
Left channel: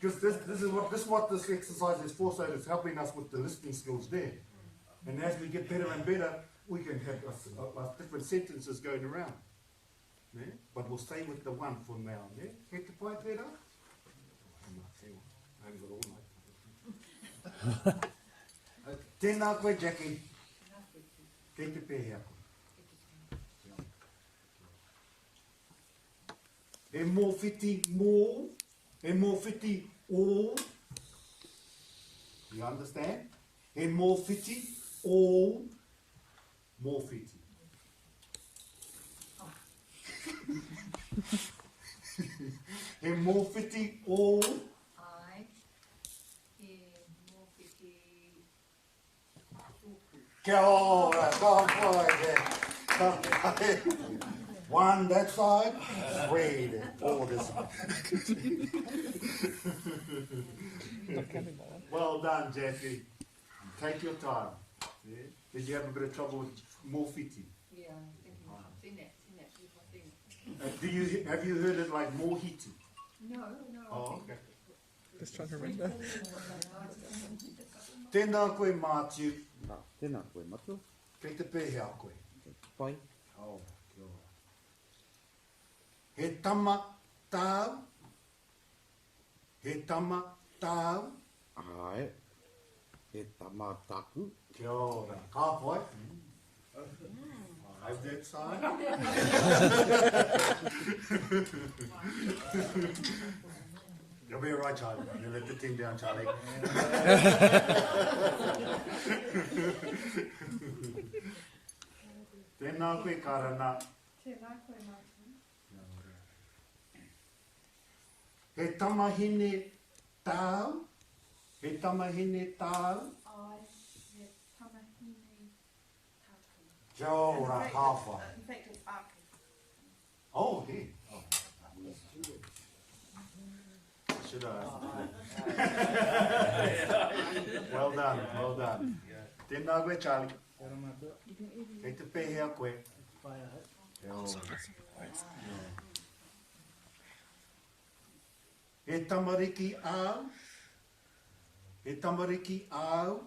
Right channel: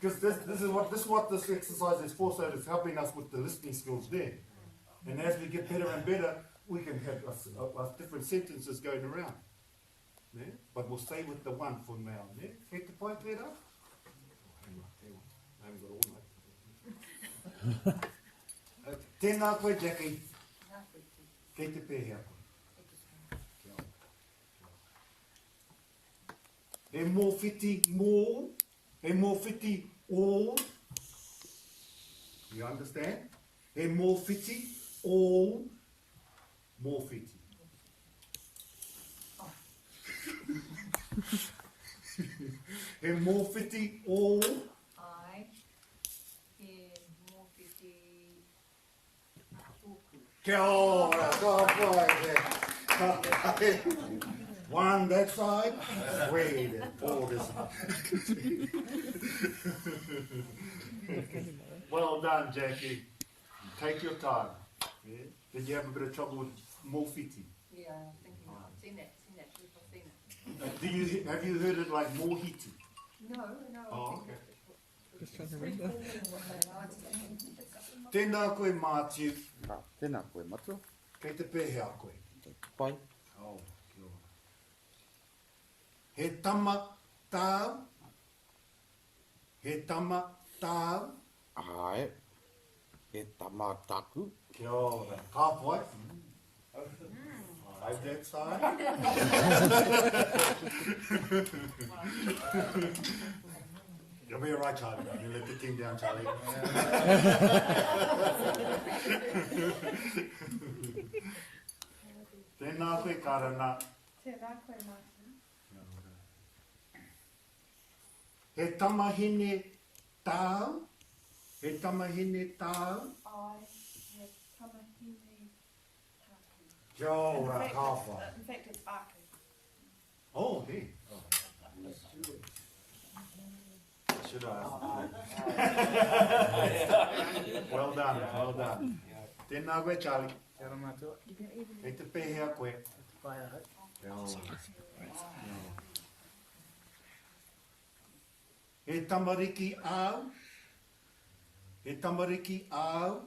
Because this is what this exercise is for, so it's helping us with the listening skills there. And as we get better and better, we can have different sentences going around. Yeah? But we'll stay with the one for now. Yeah? Kei te pai tērā? I haven't got all night. Okay. Tēnā koe, Jackie. Kei te pēhea koe. E mōwhiti mō, e mōwhiti o. You understand? E mōwhiti o, mōwhiti. E mōwhiti o. Ai, e mōwhiti tōku. Kia ora, ka pai. One that side, wait, all this side. Well done, Jackie. Take your time. Yeah? Did you have a bit of trouble with mōwhiti? Yeah, seen that. Have you heard it like mōhiti? No. Oh, okay. Just trying to remember. Tēnā koe Matthew. Tēnā koe matu. Kei te pēhea koe. Pai. Oh, kia ora. He tama tāu. He tama tāu. Ai. He tama taku. Kia ora. Ka pai. I have that side. You'll be all right, Charlie. You let the team down, Charlie. Tēnā Tēnā koe karana. Tēnā koe Martin. Kia ora. He tamahine tāu. He tamahine tāu. I have tamahine tāku. Kia ora, hawha. In fact, it's aku. Oh, he. Oh. Should I? Well done, well done. Tēnā koe, Charlie. Kia ora mātua. Kei te pēhea koe. Pai ahau. Kia ora. He tamariki au. He tamariki au.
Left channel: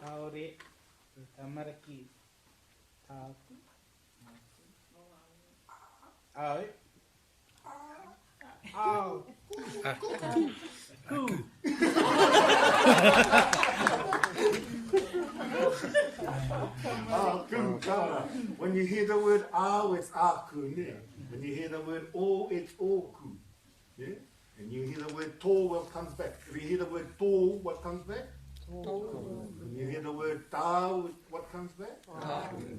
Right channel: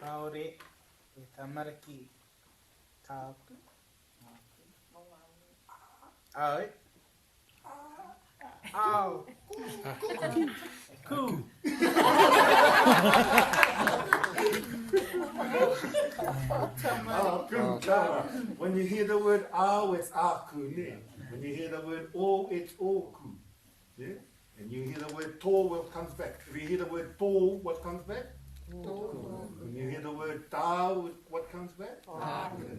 Kaore, e tamariki kāpu. Aoi. Au. Oh, good, kia ora. When you hear the word au, it's aku, ne? When you hear the word o, it's oku. Yeah? And you hear the word tō, what comes back? If you hear the word tō, what comes back? When you hear the word tāu, what comes back?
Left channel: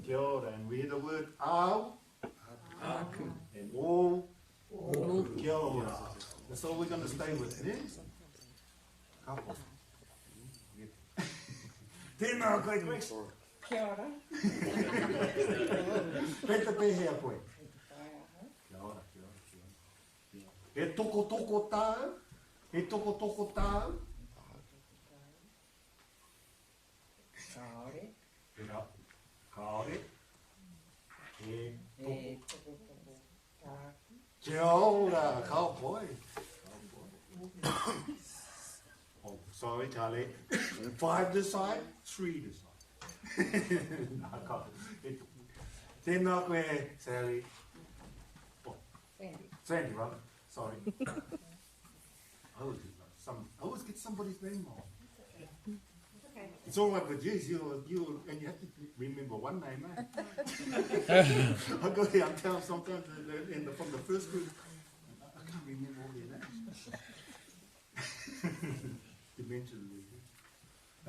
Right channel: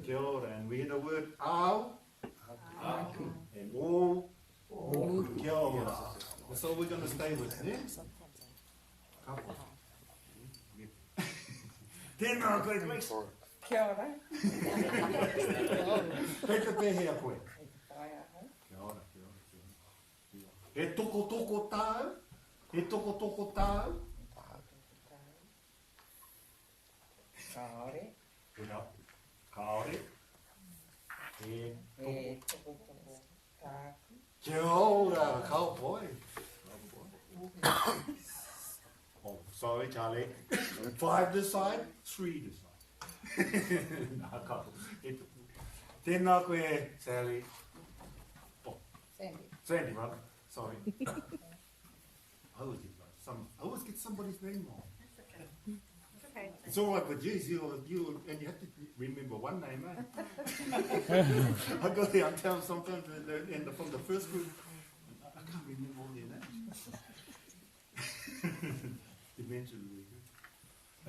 Kia ora. And we hear the word au, and o, kia ora. That's all we're going to stay with, ne? Kapo. Tēnā koe, Grace. Kia ora. Kei te pēhea koe. Pai ahau. Kia ora, kia ora, kia ora. He toko toko tāu. He toko toko tāu. Kaore. Tēnā. Kaore. He toko. E toko toko tāku. Kia ora, cowboy. Cowboy. Oh, sorry, Charlie. 5 this side, 3 this side. Nā ka. Tēnā koe, Sally. Oh, Sandy. Sandy, rather. Sorry. I always get somebody's name wrong. Okay. It's all right, but geez, you and you have to remember one name, eh? I go there, I'm telling sometimes from the first group, I can't remember all their names. Dementia really good.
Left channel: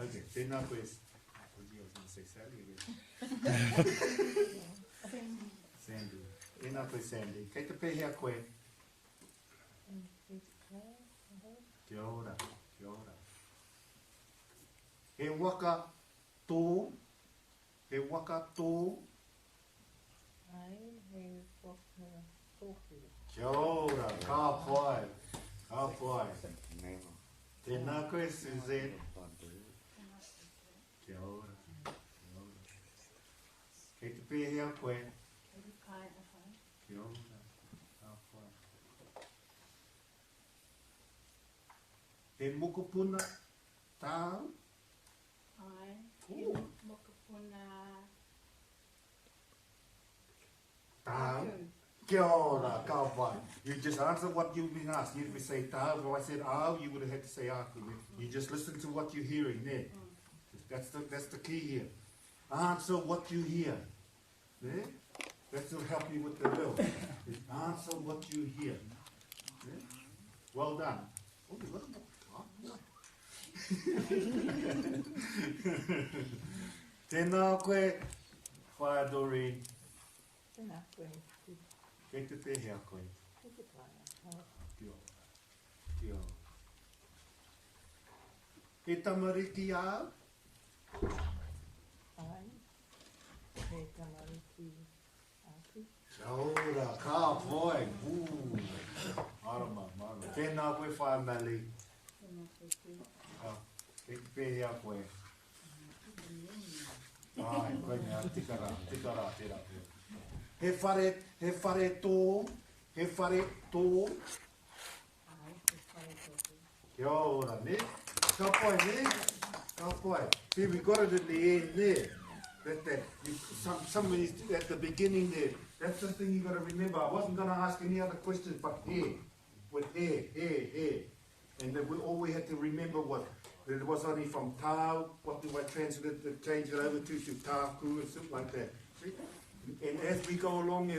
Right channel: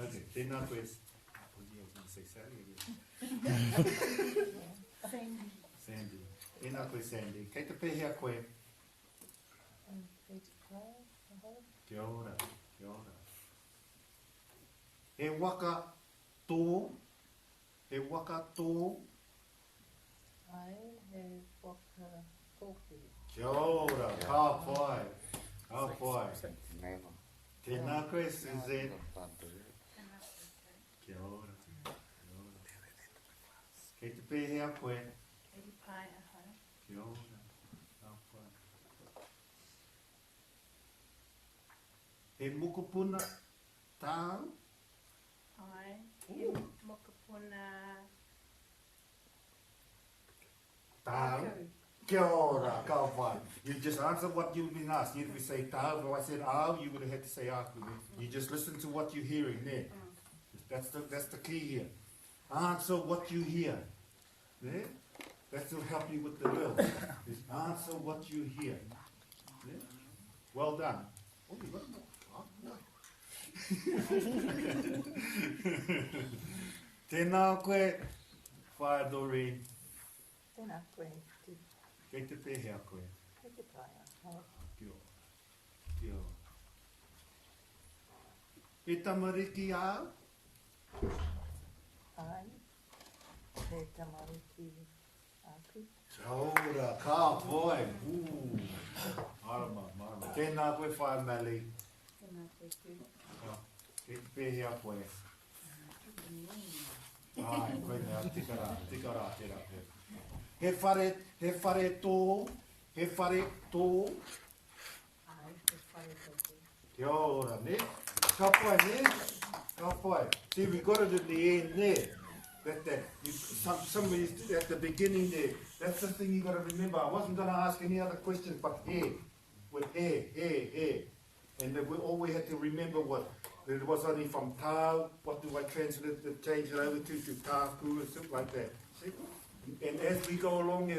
Okay, tēnā koe. Oh, gee, I was going to say Sally again. Sandy. Sandy. Tēnā koe, Sandy. Kei te pēhea koe. Kia ora, kia ora. He waka tō, he waka tō. Ai, he waka tōku. Kia ora, ka pai, ka pai. Tēnā koe, Suzanne. Kia ora, kia ora. Kei te pēhea koe. Pai ahau. Kia ora, ka pai. He mokopuna tāu. Ai, Ooh. mokopuna Tāu. Kia ora, ka pai. You just answer what you've been asked. You didn't say tāu. If I said au, you would have had to say aku. You just listen to what you're hearing there. That's the key here. Answer what you hear. There? That will help you with the will. Is answer what you hear. There? Well done. Oh, you got a more. Oh, boy. Tēnā koe, whae Doreen. Tēnā koe, te Kei te pēhea koe. te pai ahau. Kia ora. Kia ora. He tamariki au. Ai, he tamariki aku. Kia ora, ka pai. Marama, marama. Tēnā koe whae Mali. Kei te pēhea koe. Ai, koe mea, tikara tērā koe. He whare tō, he whare tō. Ai, he whare tōku. Kia ora, ne? Ka pai, ne? Ka pai. See, we got it at the end there. Somebody at the beginning there. That's the thing you got to remember. I wasn't going to ask any other questions, but here. With here. And then all we had to remember what it was only from tāu. What do I translate it, change it over to tāku and stuff like that. See? And as we go along,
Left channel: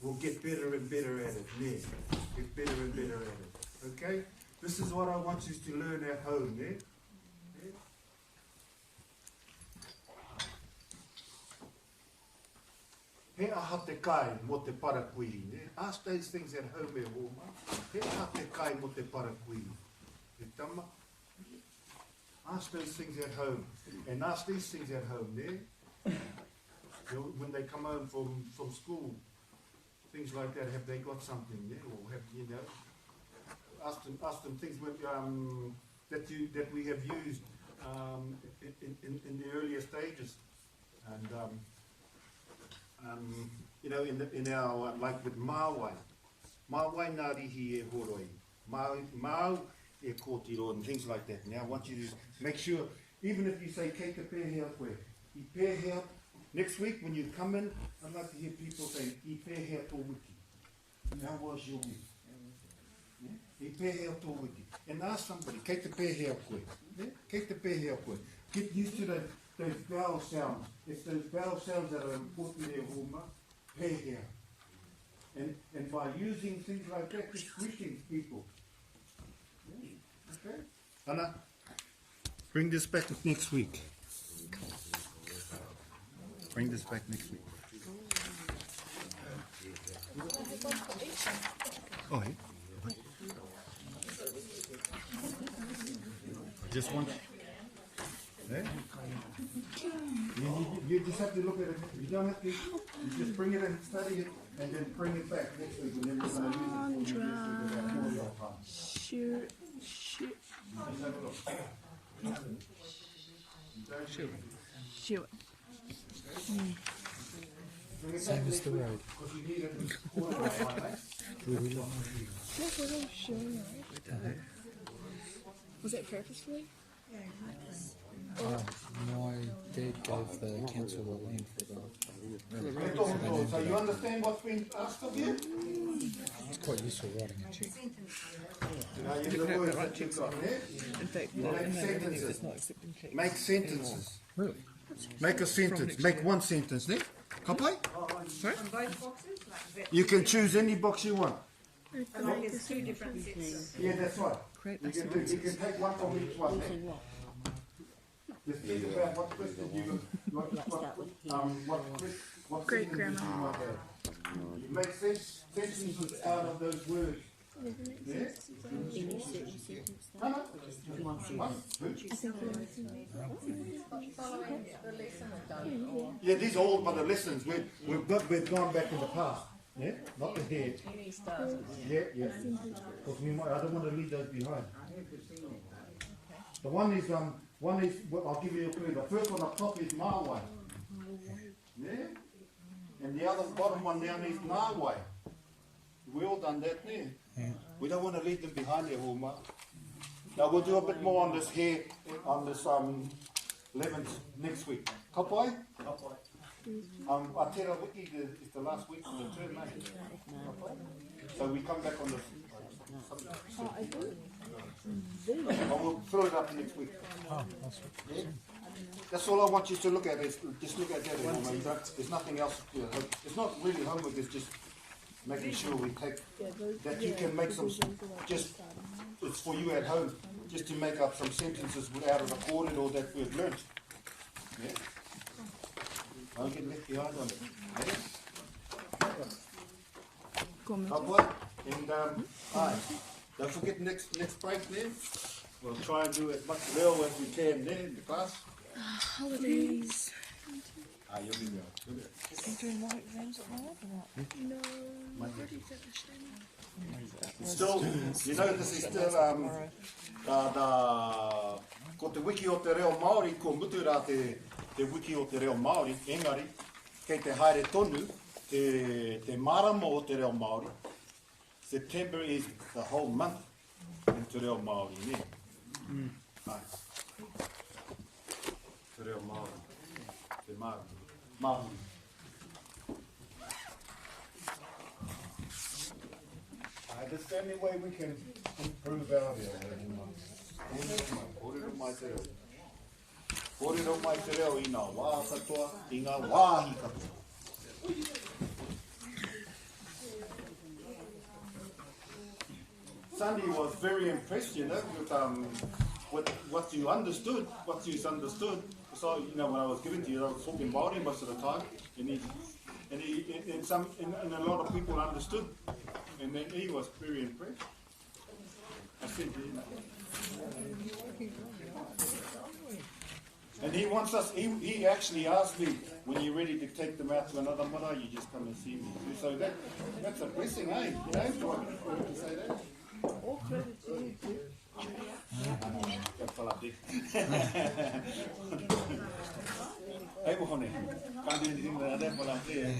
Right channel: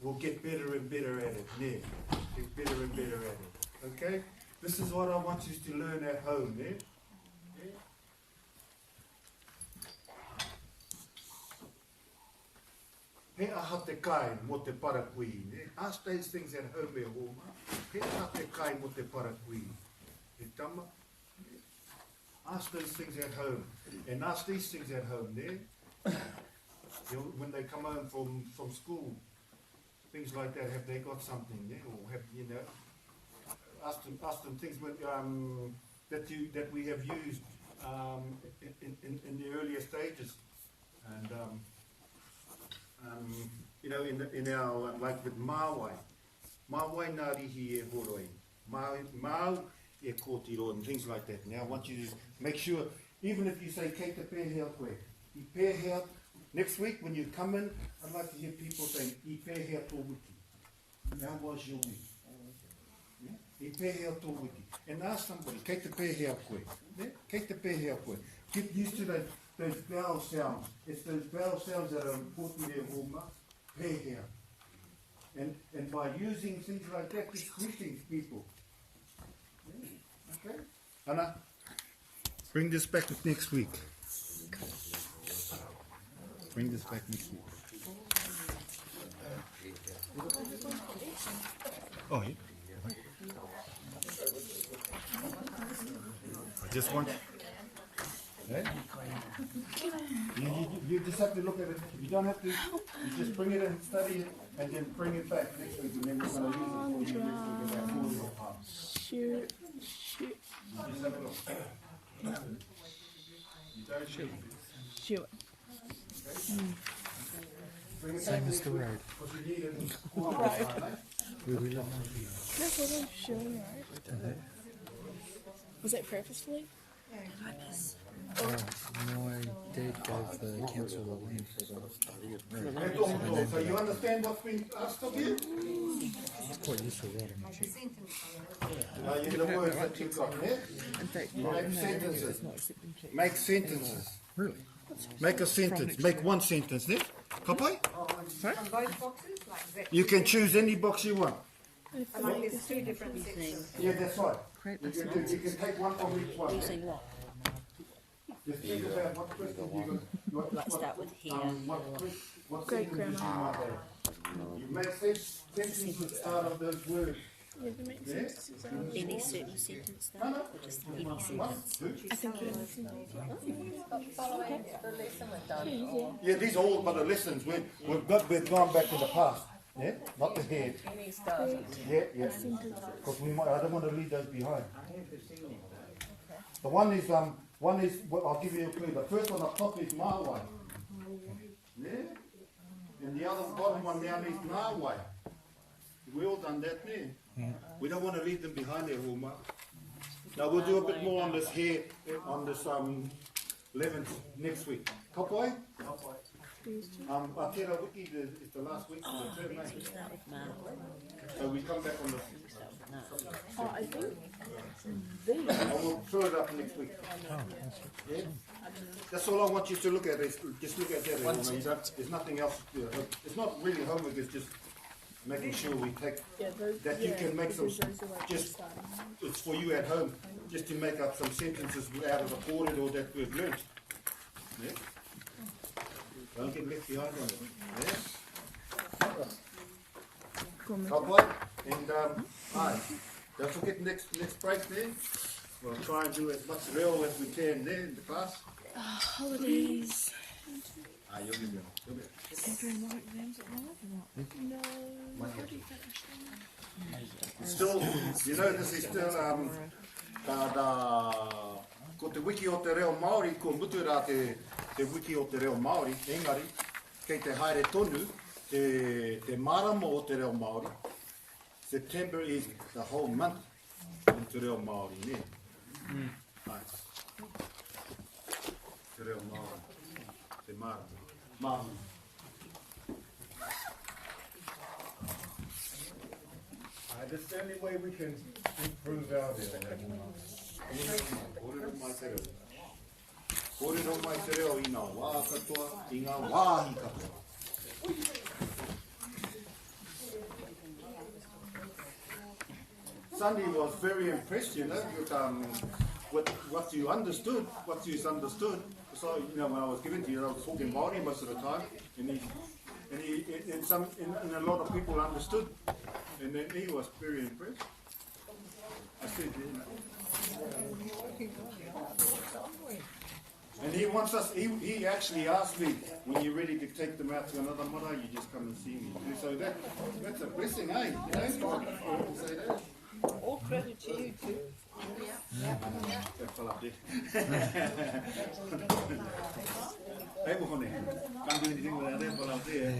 we'll get better and better at it. Ne? Get better and better at it. Okay? This is what I want you to learn at home. Ne? aha te kai mo te parakui. Ask those things at home e homa. He aha te kai mo te parakui. Te tama. Ask those things at home. And ask these things at home there. When they come home from school, things like that, have they got something there? Or have, you know, ask them things with, that we have used in the earlier stages. And, you know, in our, like with Māwai nā rihi e horoi, Māu e kōtiro and things like that. Now I want you to make sure, even if you say kei te pēhea koe, I pēhea, next week when you come in, I'd like to hear people say, I pēhea tō wiki. How was your week? Yeah? I pēhea tō wiki. And ask somebody, kei te pēhea koe. Yeah? Kei te pēhea koe. Get used to those vowel sounds. It's those vowel sounds that are important there, Homa. Pēhea. And by using things like that, just greeting people. Okay? Anna, bring this back next week. Bring this back next week. Oh, yeah. I just want... Eh? You just have to look at it. You don't have to... You just bring it and study it, and then bring it back next week, and then we're going to use it for you next week about 4 your time. Shoot. Just have a look. You don't shoot. Shoot. Bring it Same back as next the week, road. because you need it in 4 your time, eh? We will. Was it purposefully? My dad gave the council the land for the So you understand what's been asked of you? It's quite useful writing a check. The words that you've got there. In fact, Make sentences. it's not accepting checks. Make sentences. Really? Make a sentence. next Make year. one sentence there. Kapai? Sorry? On both boxes, like is it? You can choose any box you want. Like it's 2 different sets. Yeah, that's right. Create You a can take one from each one. There. Just think about what questions what sentences you might have. You make sentences out of those words. Yeah? Any certain sentence No, no. Just Just any one. sentence. Two. Yeah, these are all by the lessons. We've gone back in the past. Yeah, not the head. Yeah. Because I don't want to leave those behind. The one is well, I'll give you a clue. The first one up top is Māwai. Yeah, and the other bottom one down is Nāwai. We all done that there. Yeah. We don't want to leave them behind there, Homa. Now we'll do a bit more on this here, on this 11th next week. Kapai? Aotearoa Wiki is the last week of the term, mate. So we come back on the... We'll fill it up next week. Oh, that's Yeah? That's all I want you to look at. Is just look at that. You don't, there's nothing else. It's not really homework. It's just making sure we take that you can make some. Just it's for you at home. Just to make up some sentences out of the corded or that we've learned. Yeah. Don't get left behind on it. Yeah. Right, and aye. Don't forget next break there. We'll try and do as much real as we can there in the class. Holidays. You'll be there. You'll be there. Can do more exams at night or not? No, we've already finished them. It's still, you know, this is still, ko te wiki o te reo Māori, ko mutu rā te wiki o te reo Māori, engari, kei te haere tonu, te marama o te reo Māori. September is the whole month in te reo Māori, ne? Nice. Te reo Māori, te marama. Marama. That's the only way we can improve our Kōrero mai te reo. Kōrero mai te reo I ngā wā katoa, I ngā wāhi katoa. Sandy was very impressed, you know, with what you understood, what you understood. So, you know, when I was giving to you, I was talking Māori most of the time, and and a lot of people understood, and then he was very impressed. I said, you know. And he wants us, he actually asked me, when you're ready to take them out to another mara, you just come and see me. So that's a blessing, eh? You know, for him to say that. All credit to you too. That fell up there. Hey, Mohone, can't do anything without that fell up there.